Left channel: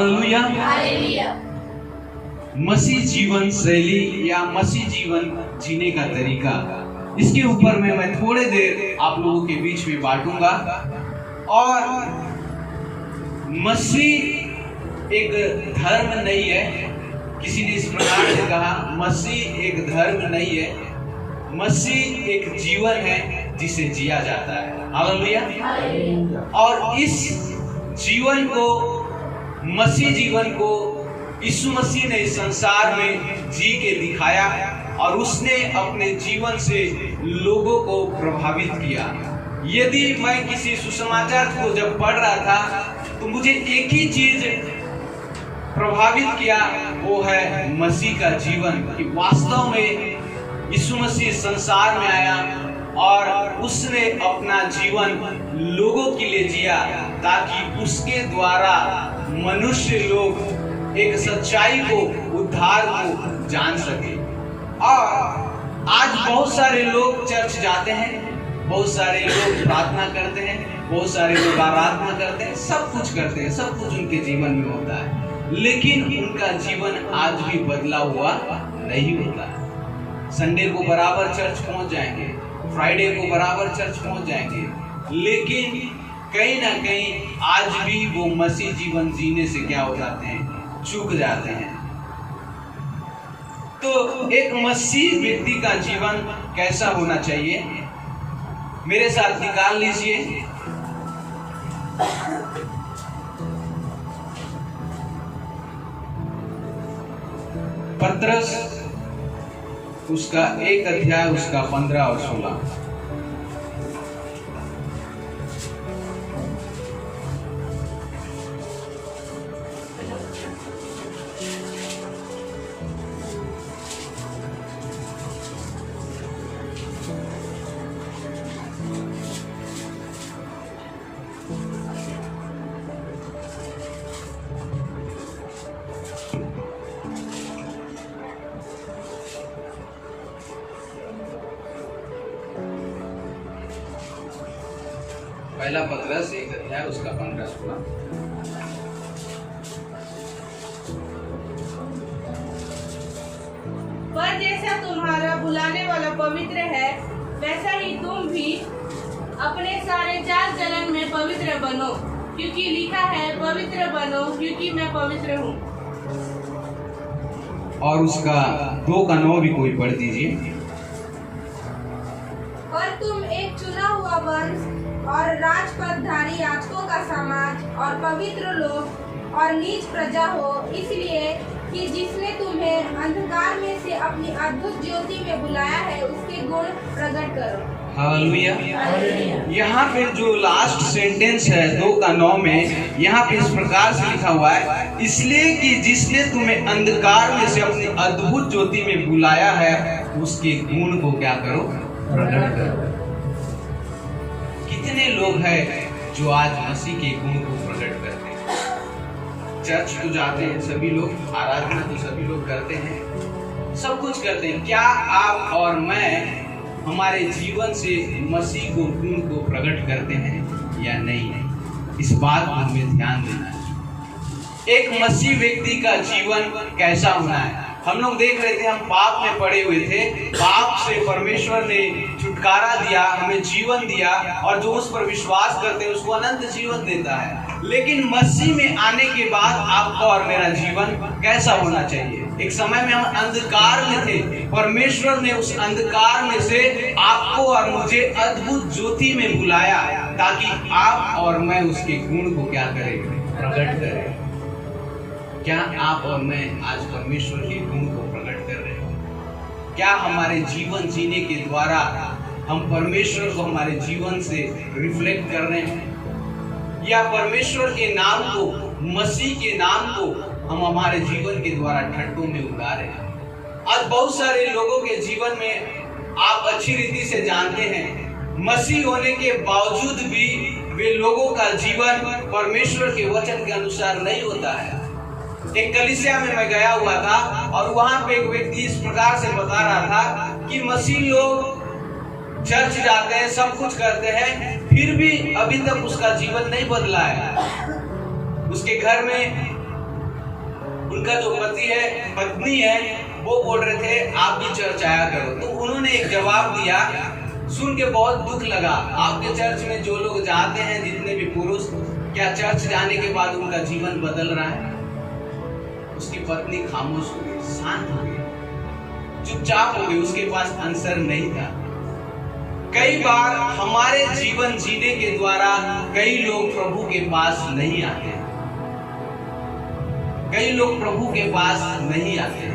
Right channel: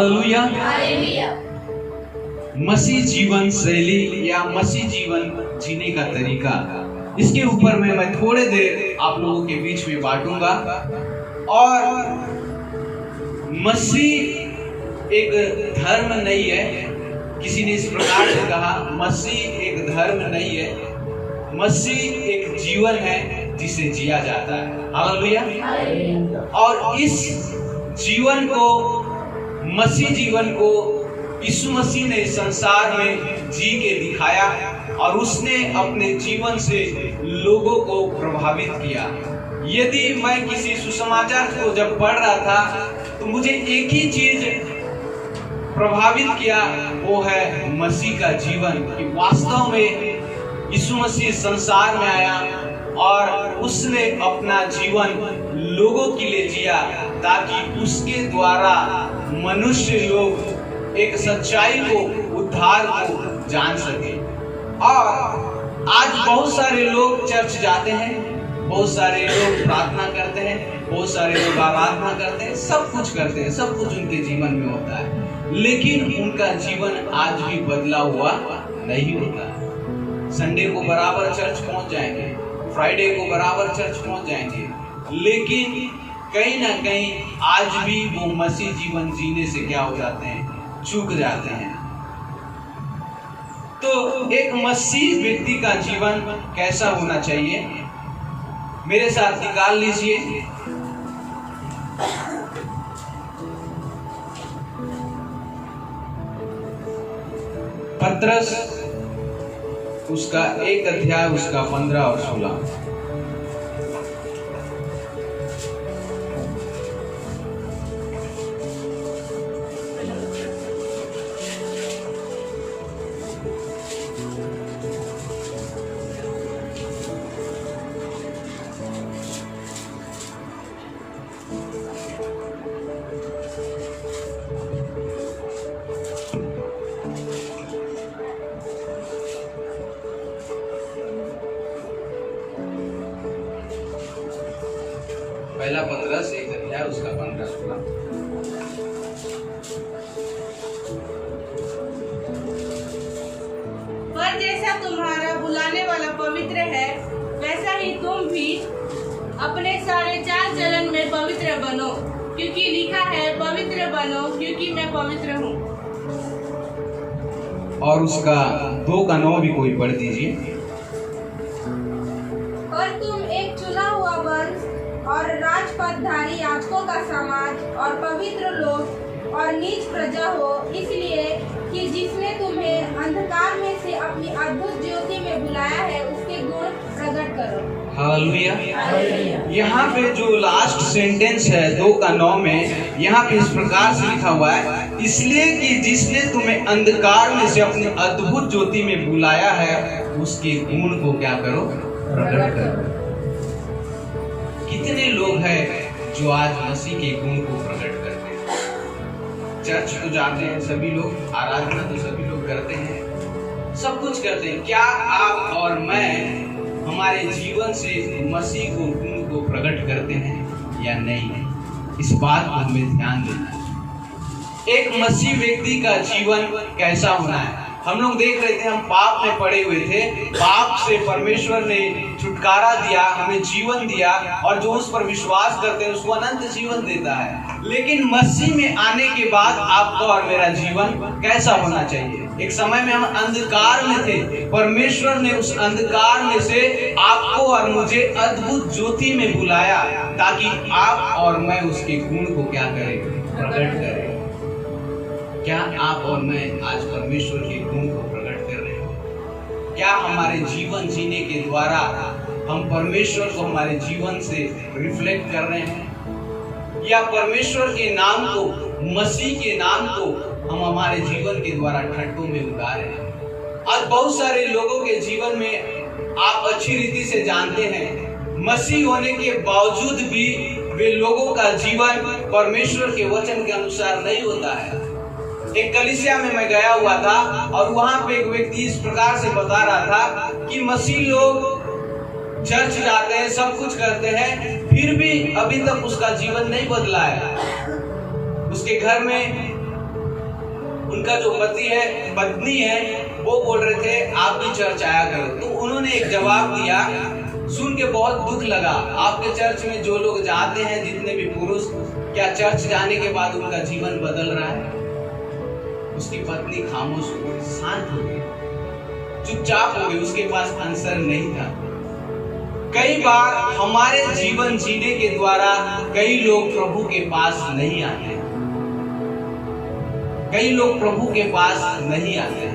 Hallelujah. मसीह जीवन शैली या मसीह जीवन जीने का तरीका, इसके ऊपर मैं थोड़े देर आप लोगों के बीच में बांटूंगा। और मसीह एक धर्म नहीं है, किसी ने इस प्रकार से कहा, मसीह एक धर्म नहीं है, मसीह एक जीवन है जिसे जिया जाता है। हालेलुया। और इस जीवन को, मसीह जीवन को यीशु मसीह ने इस संसार में जी के दिखाया और उसने अपने जीवन से लोगों को प्रभावित किया। यदि मैं किसी सुसमाचार को जब पढ़ रहा था तो मुझे एक ही चीज प्रभावित किया, वो है मसीह का जीवन, कि वास्तव में यीशु मसीह संसार में आया और उसने अपना जीवन लोगों के लिए जिया ताकि उसके द्वारा मनुष्य लोग एक सच्चाई को, उद्धार को जान सके। और आज बहुत सारे लोग चर्च जाते हैं, बहुत सारे लोग प्रार्थना करते हैं, बहुत सारे लोग आराधना करते हैं, सब कुछ करते हैं, सब कुछ उनके जीवन में होता है, लेकिन उनका जीवन आज भी बदला हुआ नहीं होता है। संडे को बराबर चर्च पहुंच जाएंगे, फ्राइडे को बराबर चर्च पहुंच जाएंगे, लेकिन कहीं ना कहीं आज भी वो मसीह जीवन जीने से क्या हो जाते हैं, चूक जाते हैं। तो एक मसीह व्यक्ति का जीवन कैसा होना चाहिए, मेरे साथ निकाल लीजिए। पत्रस उसका 1 अध्याय, उसका 15 और 16। पहला पत्रस 1 अध्याय, उसका 15-16। पर जैसा तुम्हारा बुलाने वाला पवित्र है, वैसा ही तुम भी अपने सारे चाल चलन में पवित्र बनो, क्योंकि लिखा है, पवित्र बनो क्योंकि मैं पवित्र हूँ। और उसका 2 का 9 भी कोई पढ़ दीजिए। और तुम एक चुना हुआ वंश और राजपदधारी याजकों का समाज और पवित्र लोग और नीच प्रजा हो, इसलिए कि जिसने तुम्हें अंधकार में से अपनी अद्भुत ज्योति में बुलाया है, उसके गुण प्रकट करो। हालेलुया। यहाँ पे जो लास्ट सेंटेंस है 2 का 9 में, यहाँ पे इस प्रकार से लिखा हुआ है, इसलिए कि जिसने तुम्हें अंधकार में से अपनी अद्भुत ज्योति में बुलाया है, उसके गुण को क्या करो, प्रकट करो। कितने लोग हैं जो आज मसीह के गुण को प्रकट करते हैं? चर्च तो जाते हैं सभी लोग, आराधना तो सभी लोग करते हैं, सब कुछ करते हैं। क्या आप और मैं हमारे जीवन से मसीह को, गुण को प्रकट करते हैं या नहीं? इस बात को हमें ध्यान देना है। एक मसीह व्यक्ति का जीवन कैसा होना है? हम लोग देख रहे थे, हम पाप में पड़े हुए थे, पाप से परमेश्वर ने छुटकारा दिया, हमें जीवन दिया, और जो उस पर विश्वास करते हैं उसको अनंत जीवन देता है। लेकिन मसीह में आने के बाद आपका और मेरा जीवन कैसा होना चाहिए? एक समय में हम अंधकार में थे, परमेश्वर ने उस अंधकार में से आपको और मुझे अद्भुत ज्योति में बुलाया ताकि आप और मैं उसके गुण को क्या करें, प्रकट करें। क्या आप और मैं आज परमेश्वर के गुण को प्रकट कर रहे हैं? क्या हमारे जीवन जीने के द्वारा हम परमेश्वर को हमारे जीवन से रिफ्लेक्ट कर रहे हैं, या परमेश्वर के नाम को, मसीह के नाम को हम हमारे जीवन के द्वारा ठट्टों में उड़ा रहे हैं? आज बहुत सारे लोगों के जीवन में आप अच्छी रीति से जानते हैं, मसीह होने के बावजूद भी वे लोगों का जीवन परमेश्वर के वचन के अनुसार नहीं होता है। एक कलीसिया में मैं गया हुआ था और वहां पे एक व्यक्ति इस प्रकार से बता रहा था कि मसीह लोग चर्च जाते हैं, सब कुछ करते हैं, फिर भी अभी तक उसका जीवन नहीं बदला है। उसके घर में उनका जो पत्नी है वो बोल रहे थे आप भी चर्च आया करो। तो उन्होंने एक जवाब दिया, सुन के बहुत दुख लगा, आपके चर्च में जो लोग जाते हैं, जितने भी पुरुष, क्या चर्च जाने के बाद उनका जीवन बदल रहा है? उसकी पत्नी खामोश हो गई, शांत हो गई, चुपचाप हो गई, उसके पास आंसर नहीं था। कई बार हमारे जीवन जीने के द्वारा कई लोग प्रभु के पास नहीं आते, कई लोग प्रभु के पास नहीं आते,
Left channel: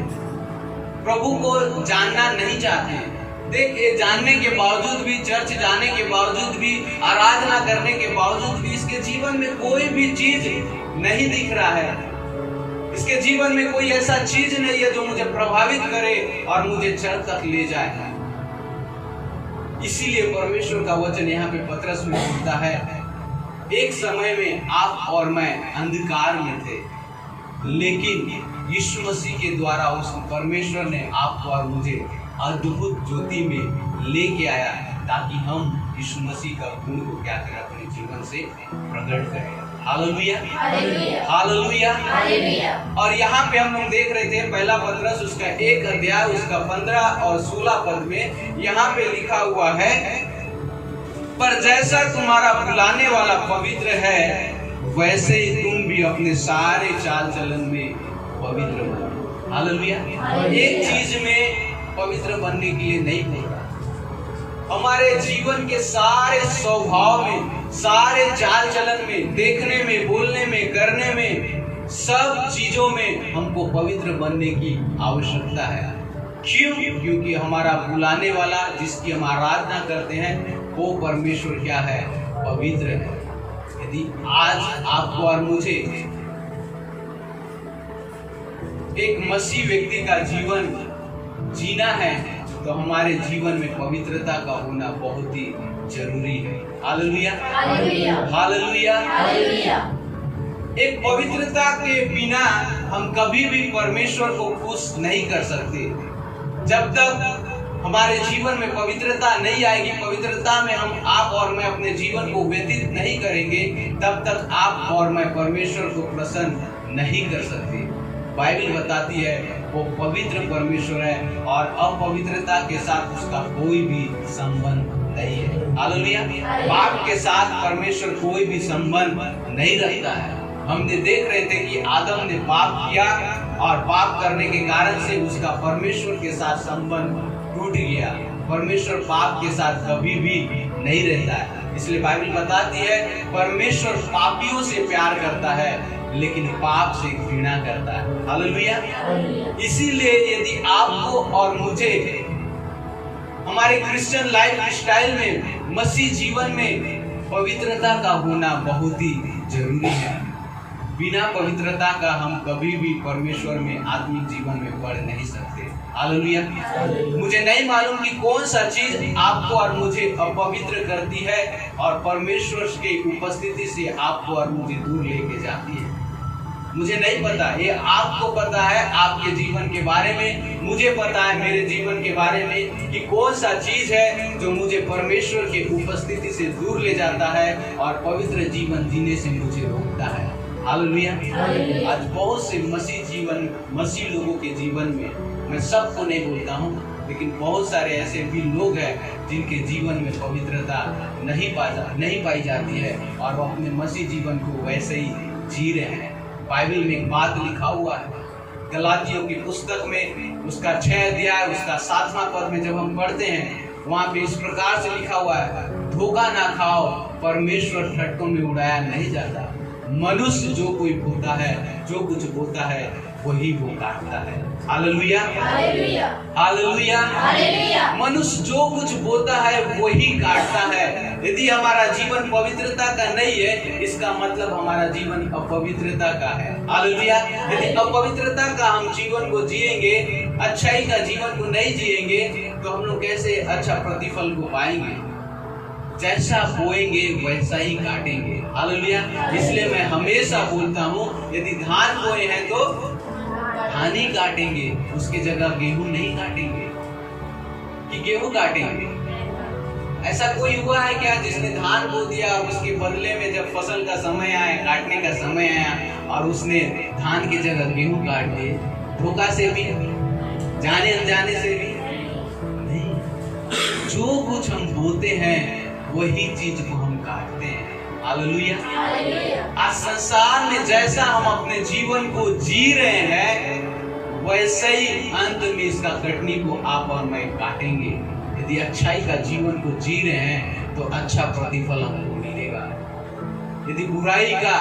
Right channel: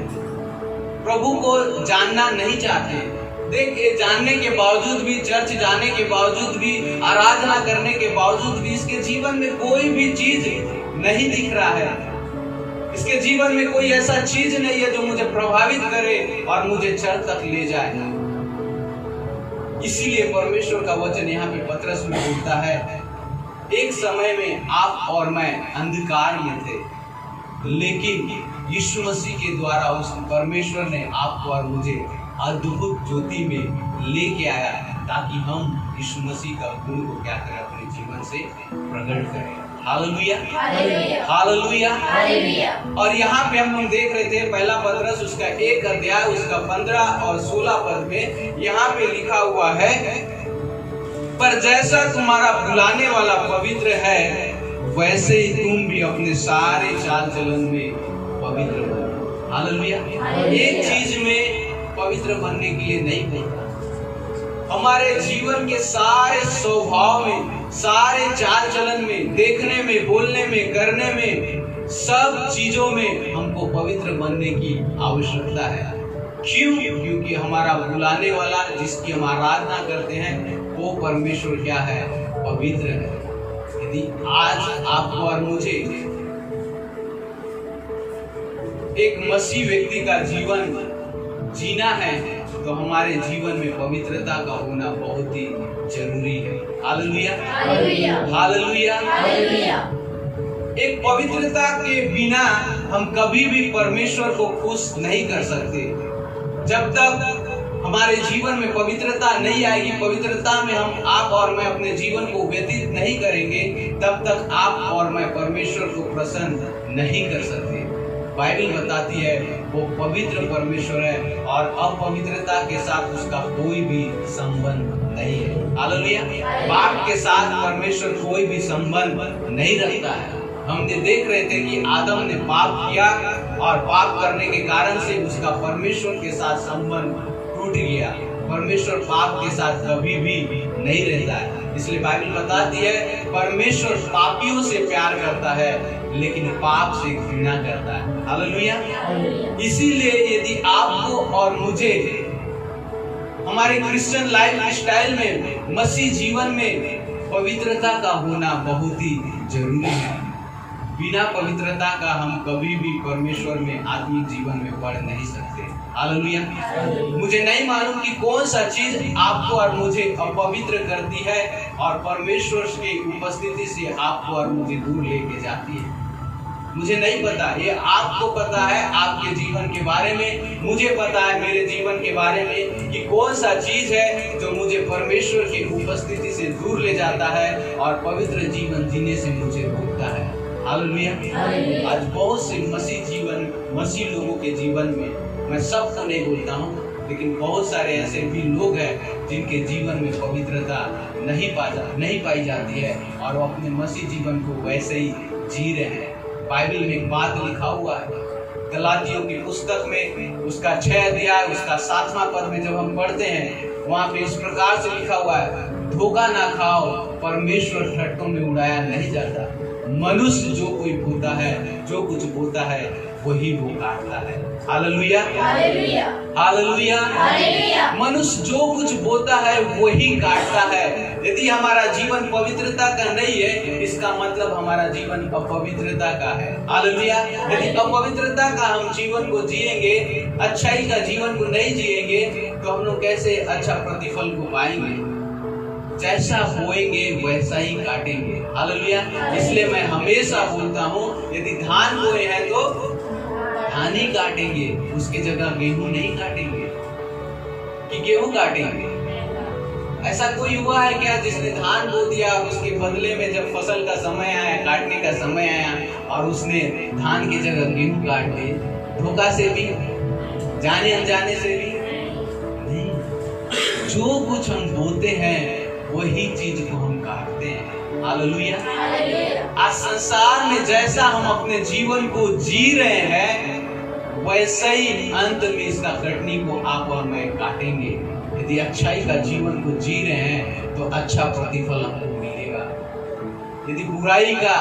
प्रभु को जानना नहीं चाहते। देख, ये जानने के बावजूद भी, चर्च जाने के बावजूद भी, आराधना करने के बावजूद भी इसके जीवन में कोई भी चीज नहीं दिख रहा है। इसके जीवन में कोई ऐसा चीज नहीं है जो मुझे प्रभावित करे और मुझे चर्च तक ले जाए। इसीलिए परमेश्वर का वचन यहाँ पे पतरस में बोलता है, एक समय में आप और मैं अंधकार में थे, लेकिन यीशु मसीह के द्वारा उस परमेश्वर ने आपको और मुझे अद्भुत ज्योति में लेके आया, ताकि हम यीशु मसीह का गुण को क्या करें, अपने जीवन से प्रकट करें। Hallelujah, hallelujah, hallelujah. और यहाँ पे हम देख रहे थे पहला पतरस उसका 1 अध्याय उसका 15 और 16 पद में यहाँ पे लिखा हुआ है, पर जैसा तुम्हारा बुलाने वाला पवित्र है, वैसे ही तुम भी अपने सारे चाल चलन में पवित्र बनो। हालेलुया। एक चीज में पवित्र बनने के लिए नहीं होता, हमारे जीवन के सारे स्वभाव में, सारे चाल चलन में, देखने में, बोलने में, करने में, सब चीजों में हमको पवित्र बनने की आवश्यकता है। क्यों? क्योंकि हमारा बुलाने वाला, जिसकी हम आराधना करते हैं, वो परमेश्वर क्या है? पवित्र है। यदि आज आपको और मुझे एक मसीह व्यक्ति का जीवन जीना है, तो हमारे जीवन में पवित्रता का होना बहुत ही जरूरी है। Hallelujah, hallelujah, hallelujah. एक पवित्रता के बिना हम कभी भी परमेश्वर को खुश नहीं कर सकते। जब तक हमारे जीवन में पवित्रता नहीं आएगी, पवित्रता में आप और मैं अपने जीवन को व्यतीत नहीं करेंगे, तब तक आप और मैं परमेश्वर को प्रसन्न नहीं कर सकते। बाइबल बताती है वो पवित्र परमेश्वर है और अपवित्रता के साथ उसका कोई भी संबंध नहीं है। हालेलुया। पाप के साथ परमेश्वर कोई भी संबंध नहीं रखता है। हमने देख रहे थे कि आदम ने पाप किया और पाप करने के कारण से उसका परमेश्वर के साथ संबंध टूट गया। परमेश्वर पाप के साथ कभी भी नहीं रहता है। इसलिए बाइबल बताती है परमेश्वर पापियों से प्यार करता है, लेकिन पाप से घृणा करता है। हालेलुया। इसीलिए यदि आपको और मुझे हमारे क्रिश्चियन लाइफ स्टाइल में, मसीह जीवन में पवित्रता का होना बहुत ही जरूरी है। बिना पवित्रता का हम कभी भी परमेश्वर में, आत्मिक जीवन में बढ़ नहीं सकते। हालेलुया। मुझे नहीं मालूम कि कौन सा चीज आपको और मुझे अपवित्र करती है और परमेश्वर की उपस्थिति से आपको और मुझे दूर लेके जाती है। मुझे नहीं पता, ये आपको पता है आपके जीवन के बारे में, मुझे पता है मेरे जीवन के बारे में कि कौन सा चीज है जो मुझे परमेश्वर की उपस्थिति से दूर ले जाता है और पवित्र जीवन जीने से मुझे रोकता है। हालेलुया। आज बहुत से मसीह लोगों के जीवन में, मैं सबको नहीं बोलता हूँ, लेकिन बहुत सारे ऐसे भी लोग हैं जिनके जीवन में पवित्रता नहीं पाई जाती है और वो अपने मसीह जीवन को वैसे ही जी रहे हैं। बाइबल में एक बात लिखा हुआ है, गलातियों की पुस्तक में उसका 6 अध्याय उसका 7वां पद में जब हम पढ़ते हैं, वहाँ पे इस प्रकार से लिखा हुआ है, धोखा ना खाओ, परमेश्वर ठट्ठों में उड़ाया नहीं जाता। मनुष्य जो कोई बोता है, जो कुछ बोता है, वही वो काटता है। Hallelujah, hallelujah, hallelujah, hallelujah. मनुष्य जो कुछ बोता है वही काटता है। यदि हमारा जीवन पवित्रता का नहीं है, इसका मतलब हमारा जीवन अपवित्रता का है। हालेलुया। यदि अपवित्रता का हम जीवन को जिएंगे, अच्छाई का जीवन को नहीं जिएंगे, तो हम लोग कैसे अच्छा प्रतिफल को पाएंगे? जैसा बोएंगे वैसा ही काटेंगे। हालेलुया। इसलिए मैं हमेशा बोलता हूँ, यदि धान बोए हैं तो धान ही काटेंगे, उसकी जगह गेहूं नहीं काटेंगे। कि गेहूं काटेंगे? ऐसा कोई हुआ है क्या जिसने धान बो दिया और उसके बदले में जब फसल का समय आया, काटने का समय आया और उसने धान की जगह गेहूं काट दिए? धोखा से भी, जाने अनजाने से भी नहीं। जो कुछ हम बोते हैं वही चीज को हम काटते हैं। हालेलुया। आज संसार में जैसा हम अपने जीवन को जी रहे हैं वैसे ही अंत में इसका कटनी को आप और मैं काटेंगे। यदि अच्छाई का जीवन को जी रहे हैं तो अच्छा प्रतिफल हमको मिलेगा। यदि बुराई का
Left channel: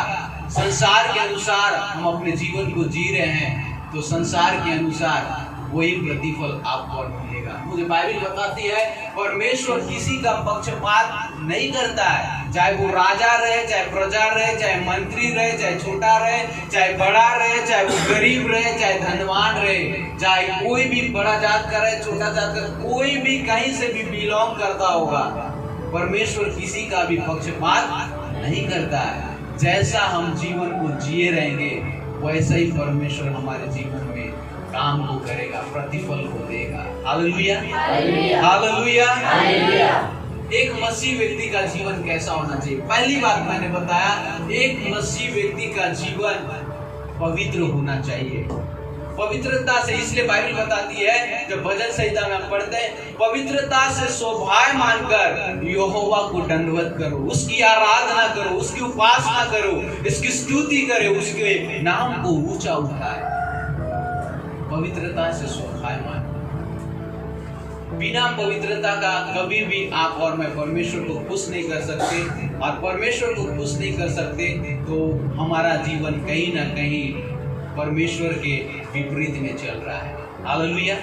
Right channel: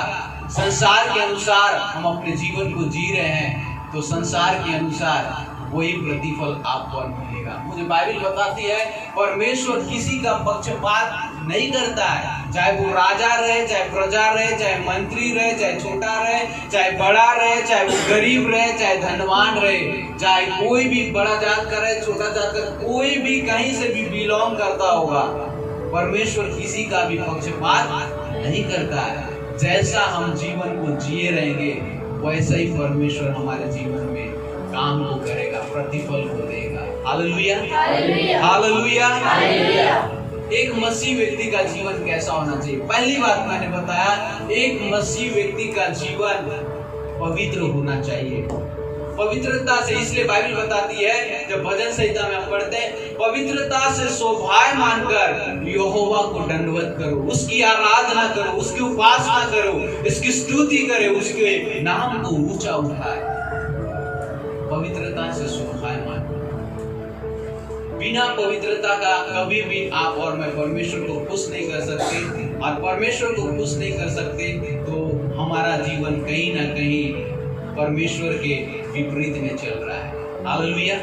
संसार के अनुसार हम अपने जीवन को जी रहे हैं तो संसार के अनुसार वही प्रतिफल आपको मिलेगा। मुझे बाइबल बताती है परमेश्वर किसी का पक्षपात नहीं करता है, चाहे वो राजा रहे, चाहे प्रजा रहे, चाहे मंत्री रहे, चाहे छोटा रहे, चाहे बड़ा रहे, चाहे वो गरीब रहे, चाहे धनवान रहे, चाहे कोई भी बड़ा जात का रहे, छोटा जात का, कोई भी कहीं से भी बिलोंग करता होगा, परमेश्वर किसी का भी पक्षपात नहीं करता है। जैसा हम जीवन को जिए रहेंगे वैसे ही परमेश्वर हमारे जीवन में काम को करेगा, प्रतिफल को देगा। Hallelujah, hallelujah. एक मसीह व्यक्ति का जीवन कैसा होना चाहिए? पहली बात मैंने बताया, एक मसीह व्यक्ति का जीवन पवित्र होना चाहिए। पवित्रता से, इसलिए बाइबल बताती है, जब भजन संहिता में पढ़ते हैं, पवित्रता से शोभायमान कर यहोवा को दंडवत करो, उसकी आराधना करो, उसकी उपासना करो, उसकी स्तुति करे, उसके नाम को ऊंचा उठाए। पवित्रता से शोभायमान। बिना पवित्रता का कभी भी आप और मैं परमेश्वर को खुश नहीं कर सकते, और परमेश्वर को खुश नहीं कर सकते तो हमारा जीवन कहीं ना कहीं परमेश्वर के विपरीत में चल रहा है। Hallelujah,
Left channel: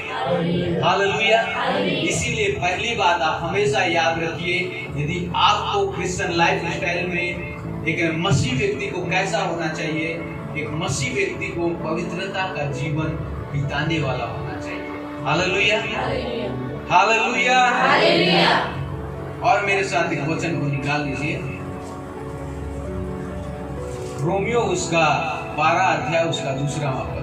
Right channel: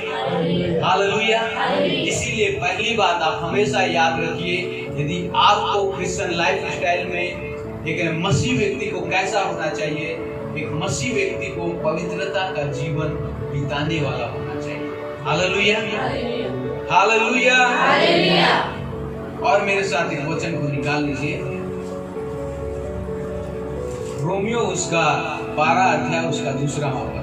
hallelujah. इसीलिए पहली बात आप हमेशा याद रखिए, यदि आपको क्रिश्चियन लाइफ स्टाइल में एक मसीह व्यक्ति को कैसा होना चाहिए, एक मसीह व्यक्ति को पवित्रता का जीवन बिताने वाला होना चाहिए। Hallelujah, hallelujah, hallelujah. और मेरे साथ एक वचन को निकाल लीजिए, रोमियो उसका 12 अध्याय उसका 2 पद।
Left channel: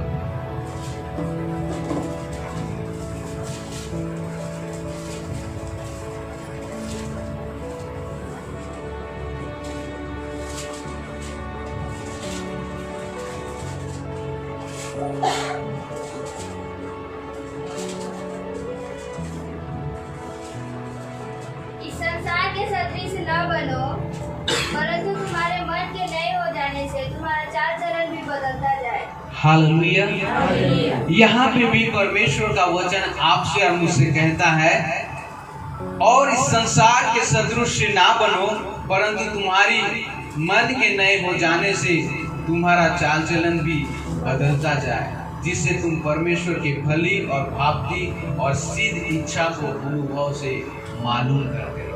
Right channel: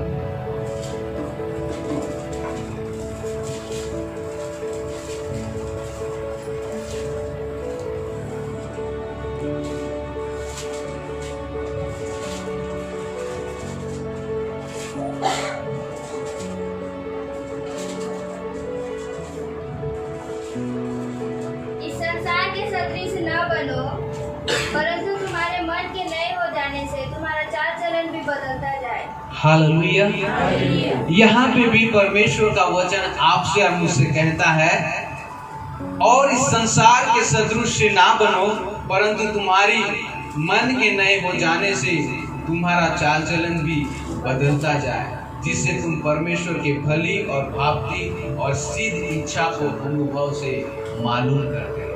इस संसार के सदृश न बनो, परंतु तुम्हारे मन के नए हो जाने से तुम्हारा चाल चलन भी बदलता जाए। हालेलुया। यहाँ पे भी परमेश्वर का वचन आपसे और मुझसे कहता है, और इस संसार के सदृश ना बनो, परंतु तुम्हारी मन के नए हो जाने से तुम्हारा चाल चलन भी बदलता जाए, जिससे तुम परमेश्वर के भली और भावती और सिद्ध इच्छा को अनुभव से मालूम करते रहो।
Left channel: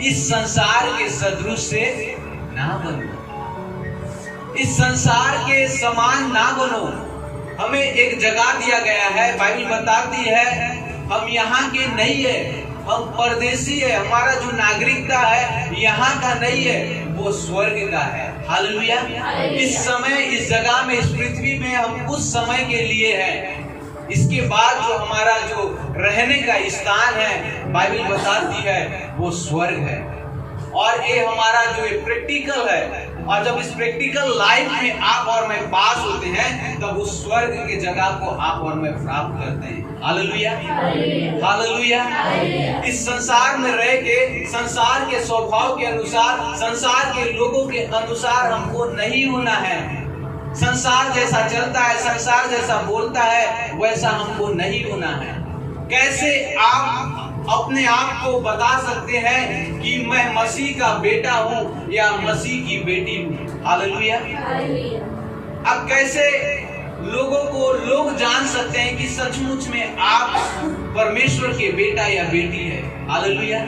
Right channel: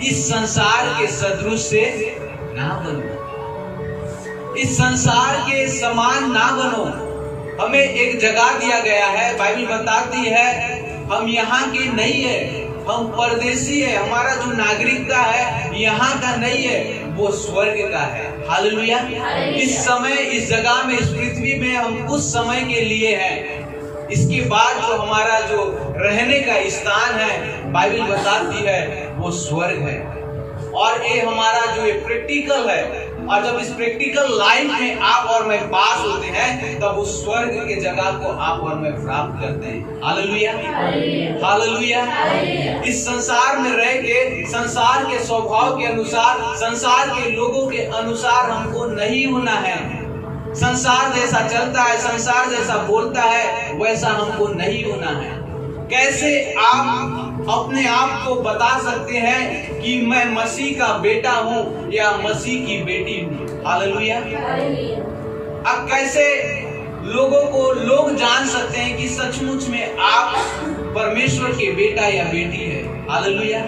इस संसार के सदृश से ना बनो, इस संसार के समान ना बनो। हमें एक जगह दिया गया है, बाइबल बताती है हम यहाँ के नहीं है, हम परदेशी है, हमारा जो नागरिकता है यहाँ का नहीं है, वो स्वर्ग का है। हालेलुया। इस समय इस जगह में, इस पृथ्वी में हम कुछ समय के लिए हैं, इसके बाद जो हमारा जो रहने का स्थान है बाइबल बताती है वो स्वर्ग है। और ये हमारा जो प्रैक्टिकल है, और जब इस प्रैक्टिकल लाइफ में आप और मैं पास होते हैं तब उस स्वर्ग के जगह को आप और मैं प्राप्त करते हैं। Hallelujah, hallelujah. इस संसार में रह के संसार के स्वभाव के अनुसार, संसार के लोगों के अनुसार हमको नहीं होना है। संसार जैसा चलता है, संसार जैसा बोलता है, वैसा हमको नहीं होना है। कैसे आप अपने आप को बता सकते हैं कि मैं मसीह का बेटा हूँ या मसीह की बेटी हूँ? हालेलुया। अब कैसे लोगों को लोग जान सकते हैं कि सचमुच में आप परमेश्वर के बेटा या बेटी है? हालेलुया।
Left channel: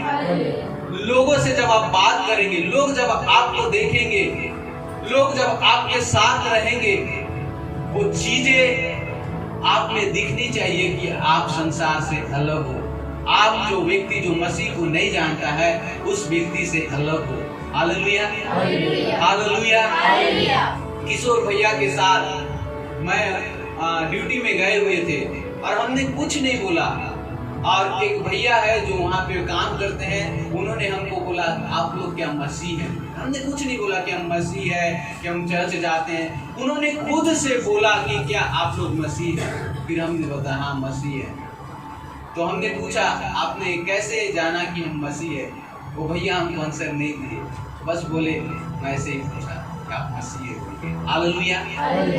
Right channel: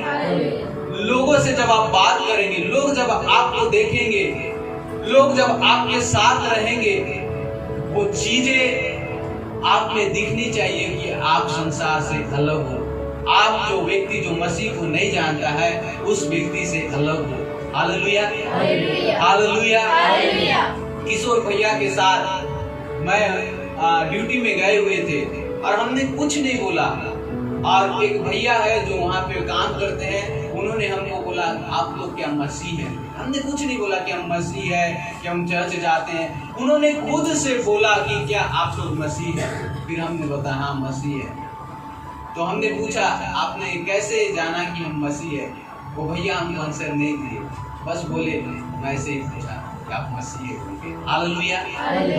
लोगों से जब आप बात करेंगे, लोग जब आपको देखेंगे, लोग जब आपके साथ रहेंगे, वो चीजें आप में दिखनी चाहिए कि आप संसार से अलग हो। आप जो व्यक्ति जो मसीह को नहीं जानता है उस व्यक्ति से अलग हो। Hallelujah, hallelujah. किशोर भैया के साथ मैं ड्यूटी में गए हुए थे और हमने कुछ नहीं बोला, और एक भैया है जो वहाँ पे काम करते हैं, उन्होंने हमको बोला आप लोग क्या मसीह हैं? हमने कुछ नहीं बोला कि हम मसीह है, कि हम चर्च जाते हैं। उन्होंने खुद से बोला कि क्या आप लोग मसीह हैं? फिर हमने बताया हाँ मसीह है। तो हमने पूछा आपने कैसे जाना कि हम मसीह है? वो भैया हमको आंसर नहीं दिए, बस बोले मैं ऐसे ही पूछा कि आप मसीह है बोल के। हालेलुया।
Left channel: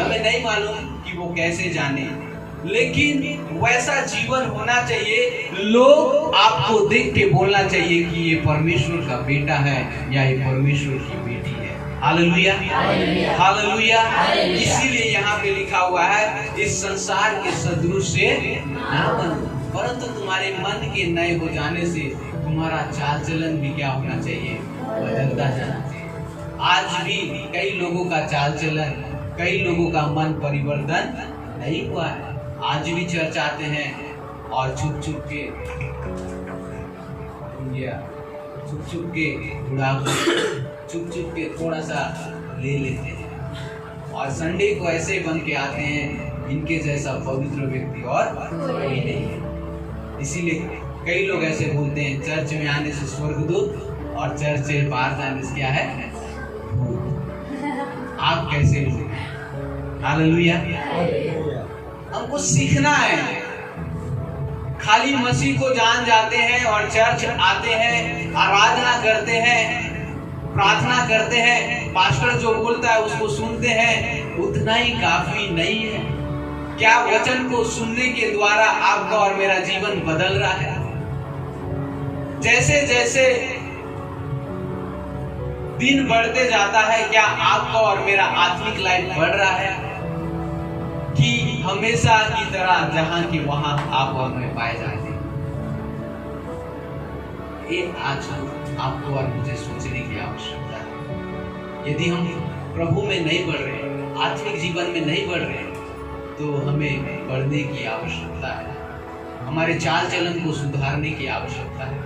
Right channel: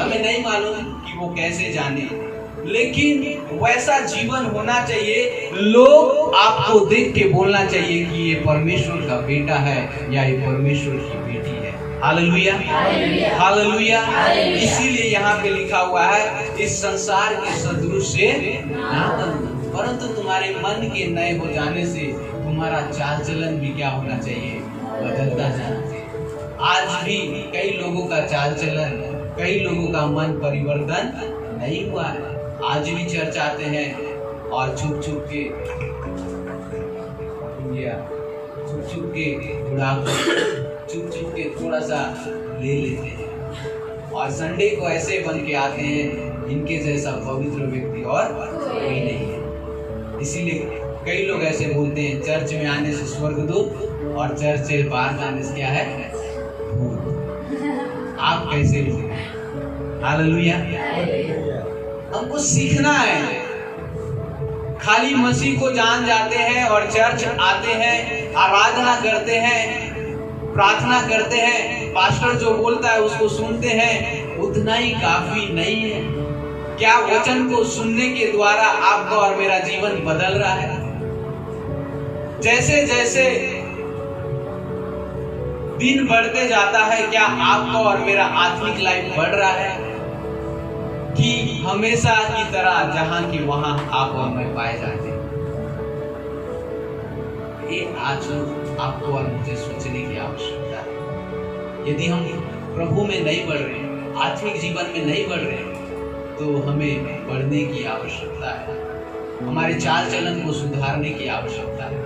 हमें नहीं मालूम कि वो कैसे जाने, लेकिन वैसा जीवन होना चाहिए, लोग आपको देख के बोलना चाहिए कि ये परमेश्वर का बेटा है या ये परमेश्वर की बेटी है। Hallelujah, hallelujah. इसीलिए यहाँ पे लिखा हुआ है इस संसार के सदृश से ना बनो, परंतु तुम्हारे मन के नए हो जाने से तुम्हारा चाल चलन भी क्या होना चाहिए? बदलता जाना चाहिए। आज भी कई लोगों का चाल चलन, कई लोगों का मन परिवर्तन नहीं हुआ है। आज भी चर्च आते हैं और छुप छुप के बुढ़ापे, छुप छुप के थोड़ा सा ले लेते हैं, और संडे को ऐसे बन के आते हैं इनके जैसा पवित्र व्यक्ति और कोई नहीं है। इसीलिए कई लोग ऐसे बोलते हैं चर्च में आने से स्वर्गदूत और चर्च से बाहर जाने से क्या है? आप कैसे लोग? हालेलुया। हमको सीखना है। खाली मसीह को जान जाते हैं और चर्च आते हैं, आराधना करते हैं, प्रार्थना करते हैं, पास्टर जो बोलता है उसको सुनते हैं, उतना ही काफी नहीं है। क्या वचन को सुनने के द्वारा आपका और मेरा जीवन बदल रहा है? जैसे जैसे दिन बढ़ते जाता है, क्या आपका और मेरा आत्मिक लाइफ बढ़ रहा है कि हमेशा की तरह जहां की वहां आप और मैं पाए जाते हैं? ये आज आपको और मुझे सोचने की आवश्यकता है। यदि हम प्रभु में नहीं बढ़ रहे, आत्मिक जीवन में नहीं बढ़ रहे, तो हमें बढ़ने की आवश्यकता है। हमारे चाल चलन को सुधारने की आवश्यकता है,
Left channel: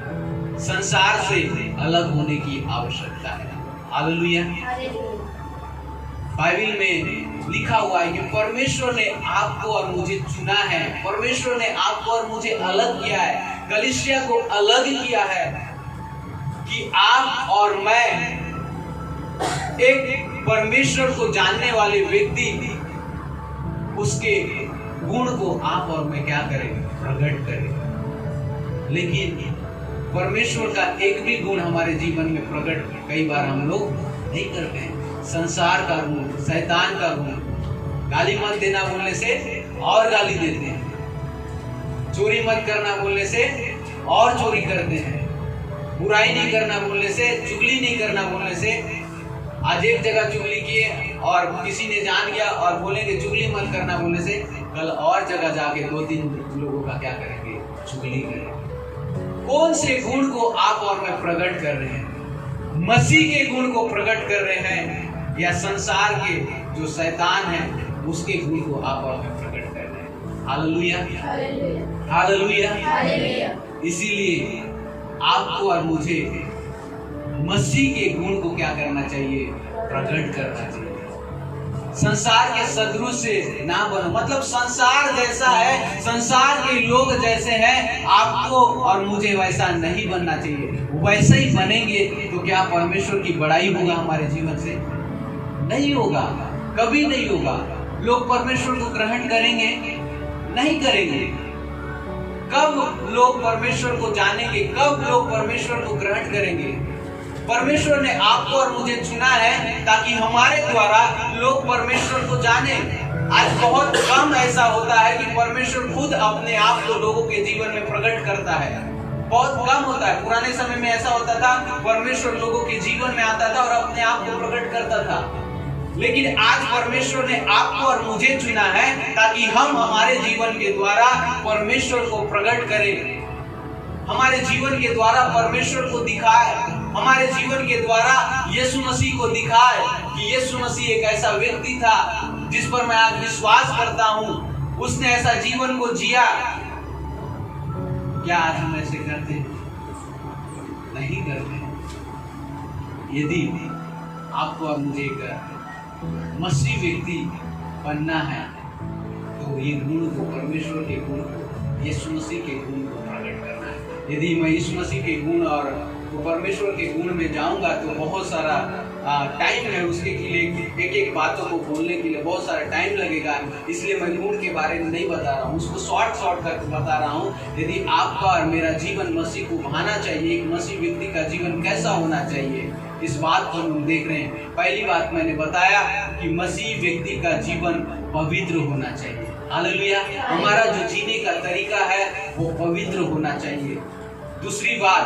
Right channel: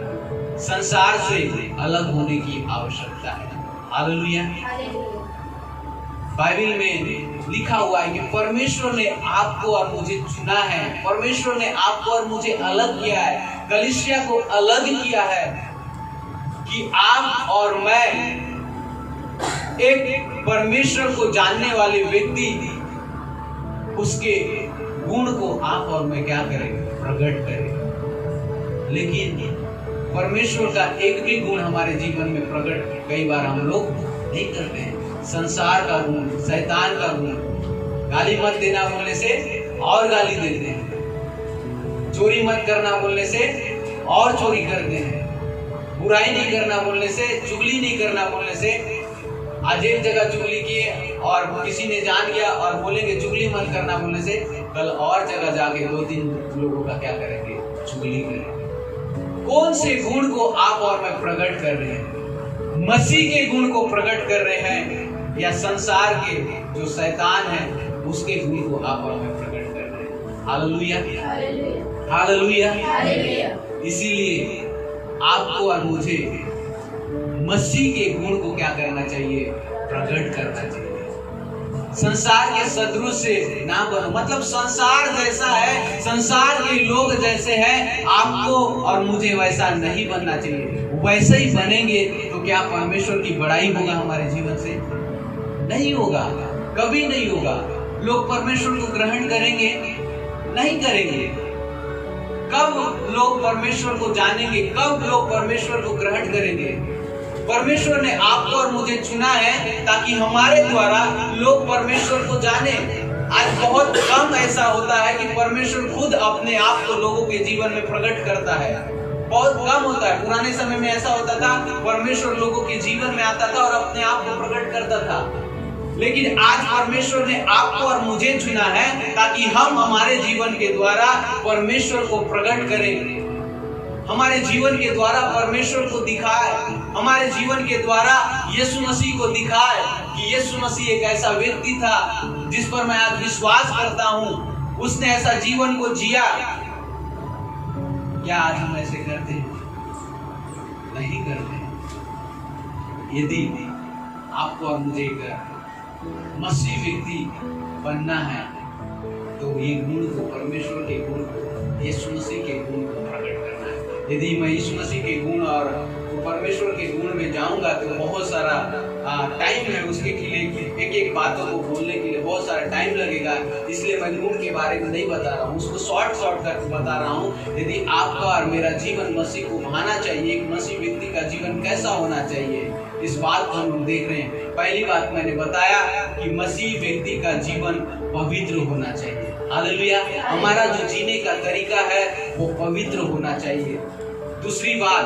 संसार से अलग होने की आवश्यकता है। हालेलुया। बाइबल में लिखा हुआ है कि परमेश्वर ने आपको और मुझे चुना है, परमेश्वर ने आपको और मुझे अलग किया है, कलीसिया को अलग किया है कि आप और मैं एक परमेश्वर को जानने वाले व्यक्ति, उसके गुण को आप और मैं क्या करें? प्रकट करें। लेकिन परमेश्वर का एक भी गुण हमारे जीवन में प्रकट कई बार हम लोग नहीं करते हैं। संसार का गुण, शैतान का गुण, गाली मत देना बोलने से और गाली देते हैं, चोरी मत करना बोलने से और चोरी करते हैं, बुराई नहीं करना बोलने से, चुगली नहीं करना बोलने से, आज एक जगह चुगली किए और किसी ने जान गया और बोलेंगे चुगली मत करना बोलने से, कल और जगह जाके 2-3 लोगों का क्या करेंगे? चुगली करेंगे। कौन से गुण को आप और मैं प्रकट कर रहे हैं? मसीह के गुण को प्रकट कर रहे हैं या संसार के जो शैतान है उसके गुण को आप और मैं प्रकट कर रहे हैं? Hallelujah, hallelujah. इसीलिए आपको और मुझे मसीह के गुण को क्या करना चाहिए? प्रकट करना चाहिए। संसार के सदृश से ना बनो, मतलब संसार जैसा है, संसार के लोग जैसे हैं, आपको और मुझे वैसा नहीं बनना चाहिए। वैसे ही बनेंगे तो क्या परमेश्वर की बड़ाई होगा हमारे जीवन से? नहीं होगा, कभी नहीं होगा। लोग परमेश्वर को ग्रहण करेंगे? नहीं करेंगे। कब लोग परमेश्वर को जानेंगे? कब लोग परमेश्वर को ग्रहण करेंगे? परमेश्वर ने आपको और मुझे चुना है ताकि हमारे द्वारा लोग परमेश्वर को जाने। आज बहुत कम ऐसा होता है कि परमेश्वर खुद अपने आप को लोगों के जीवन में प्रकट करता है, बहुत कम होता है। पुराने समय में ऐसा होता था, परमेश्वर लोगों के जीवन में आता था और अपने आप को प्रकट करता था। लेकिन आज परमेश्वर ने आपको और मुझे चुना है ताकि हम हमारे जीवन के द्वारा परमेश्वर को प्रकट करें, हमारे जीवन के द्वारा परमेश्वर को दिखाए, हमारे जीवन के द्वारा यीशु मसीह को दिखाए कि यीशु मसीह एक ऐसा व्यक्ति था जिस पर मैं आज विश्वास करता हूँ, उसने ऐसा जीवन को जिया। क्या आज हम ऐसे करते हैं? नहीं करते। यदि आपको और मुझे एक मसीह व्यक्ति बनना है तो ये गुण को, परमेश्वर के गुण को, यीशु मसीह के गुण को प्रकट करना है। यदि मैं यीशु मसीह के गुण और तो परमेश्वर के गुण में जाऊंगा तो बहुत सारा टाइम है उसके लिए, एक एक बातों को बोलने के लिए बहुत सारा टाइम लगेगा। इसलिए मैं गुण के बारे में नहीं बता रहा हूँ, उसको शॉर्ट करके बता रहा हूँ। यदि आपका और मेरा जीवन मसीह को भाना चाहिए, एक मसीह व्यक्ति का जीवन कैसा होना चाहिए, इस बात को हम देख रहे हैं। पहली बात मैंने बताया कि मसीह व्यक्ति का जीवन पवित्र होना चाहिए। हालेलुया। हमारा जो जीने का तरीका है वो पवित्र होना चाहिए। दूसरी बात,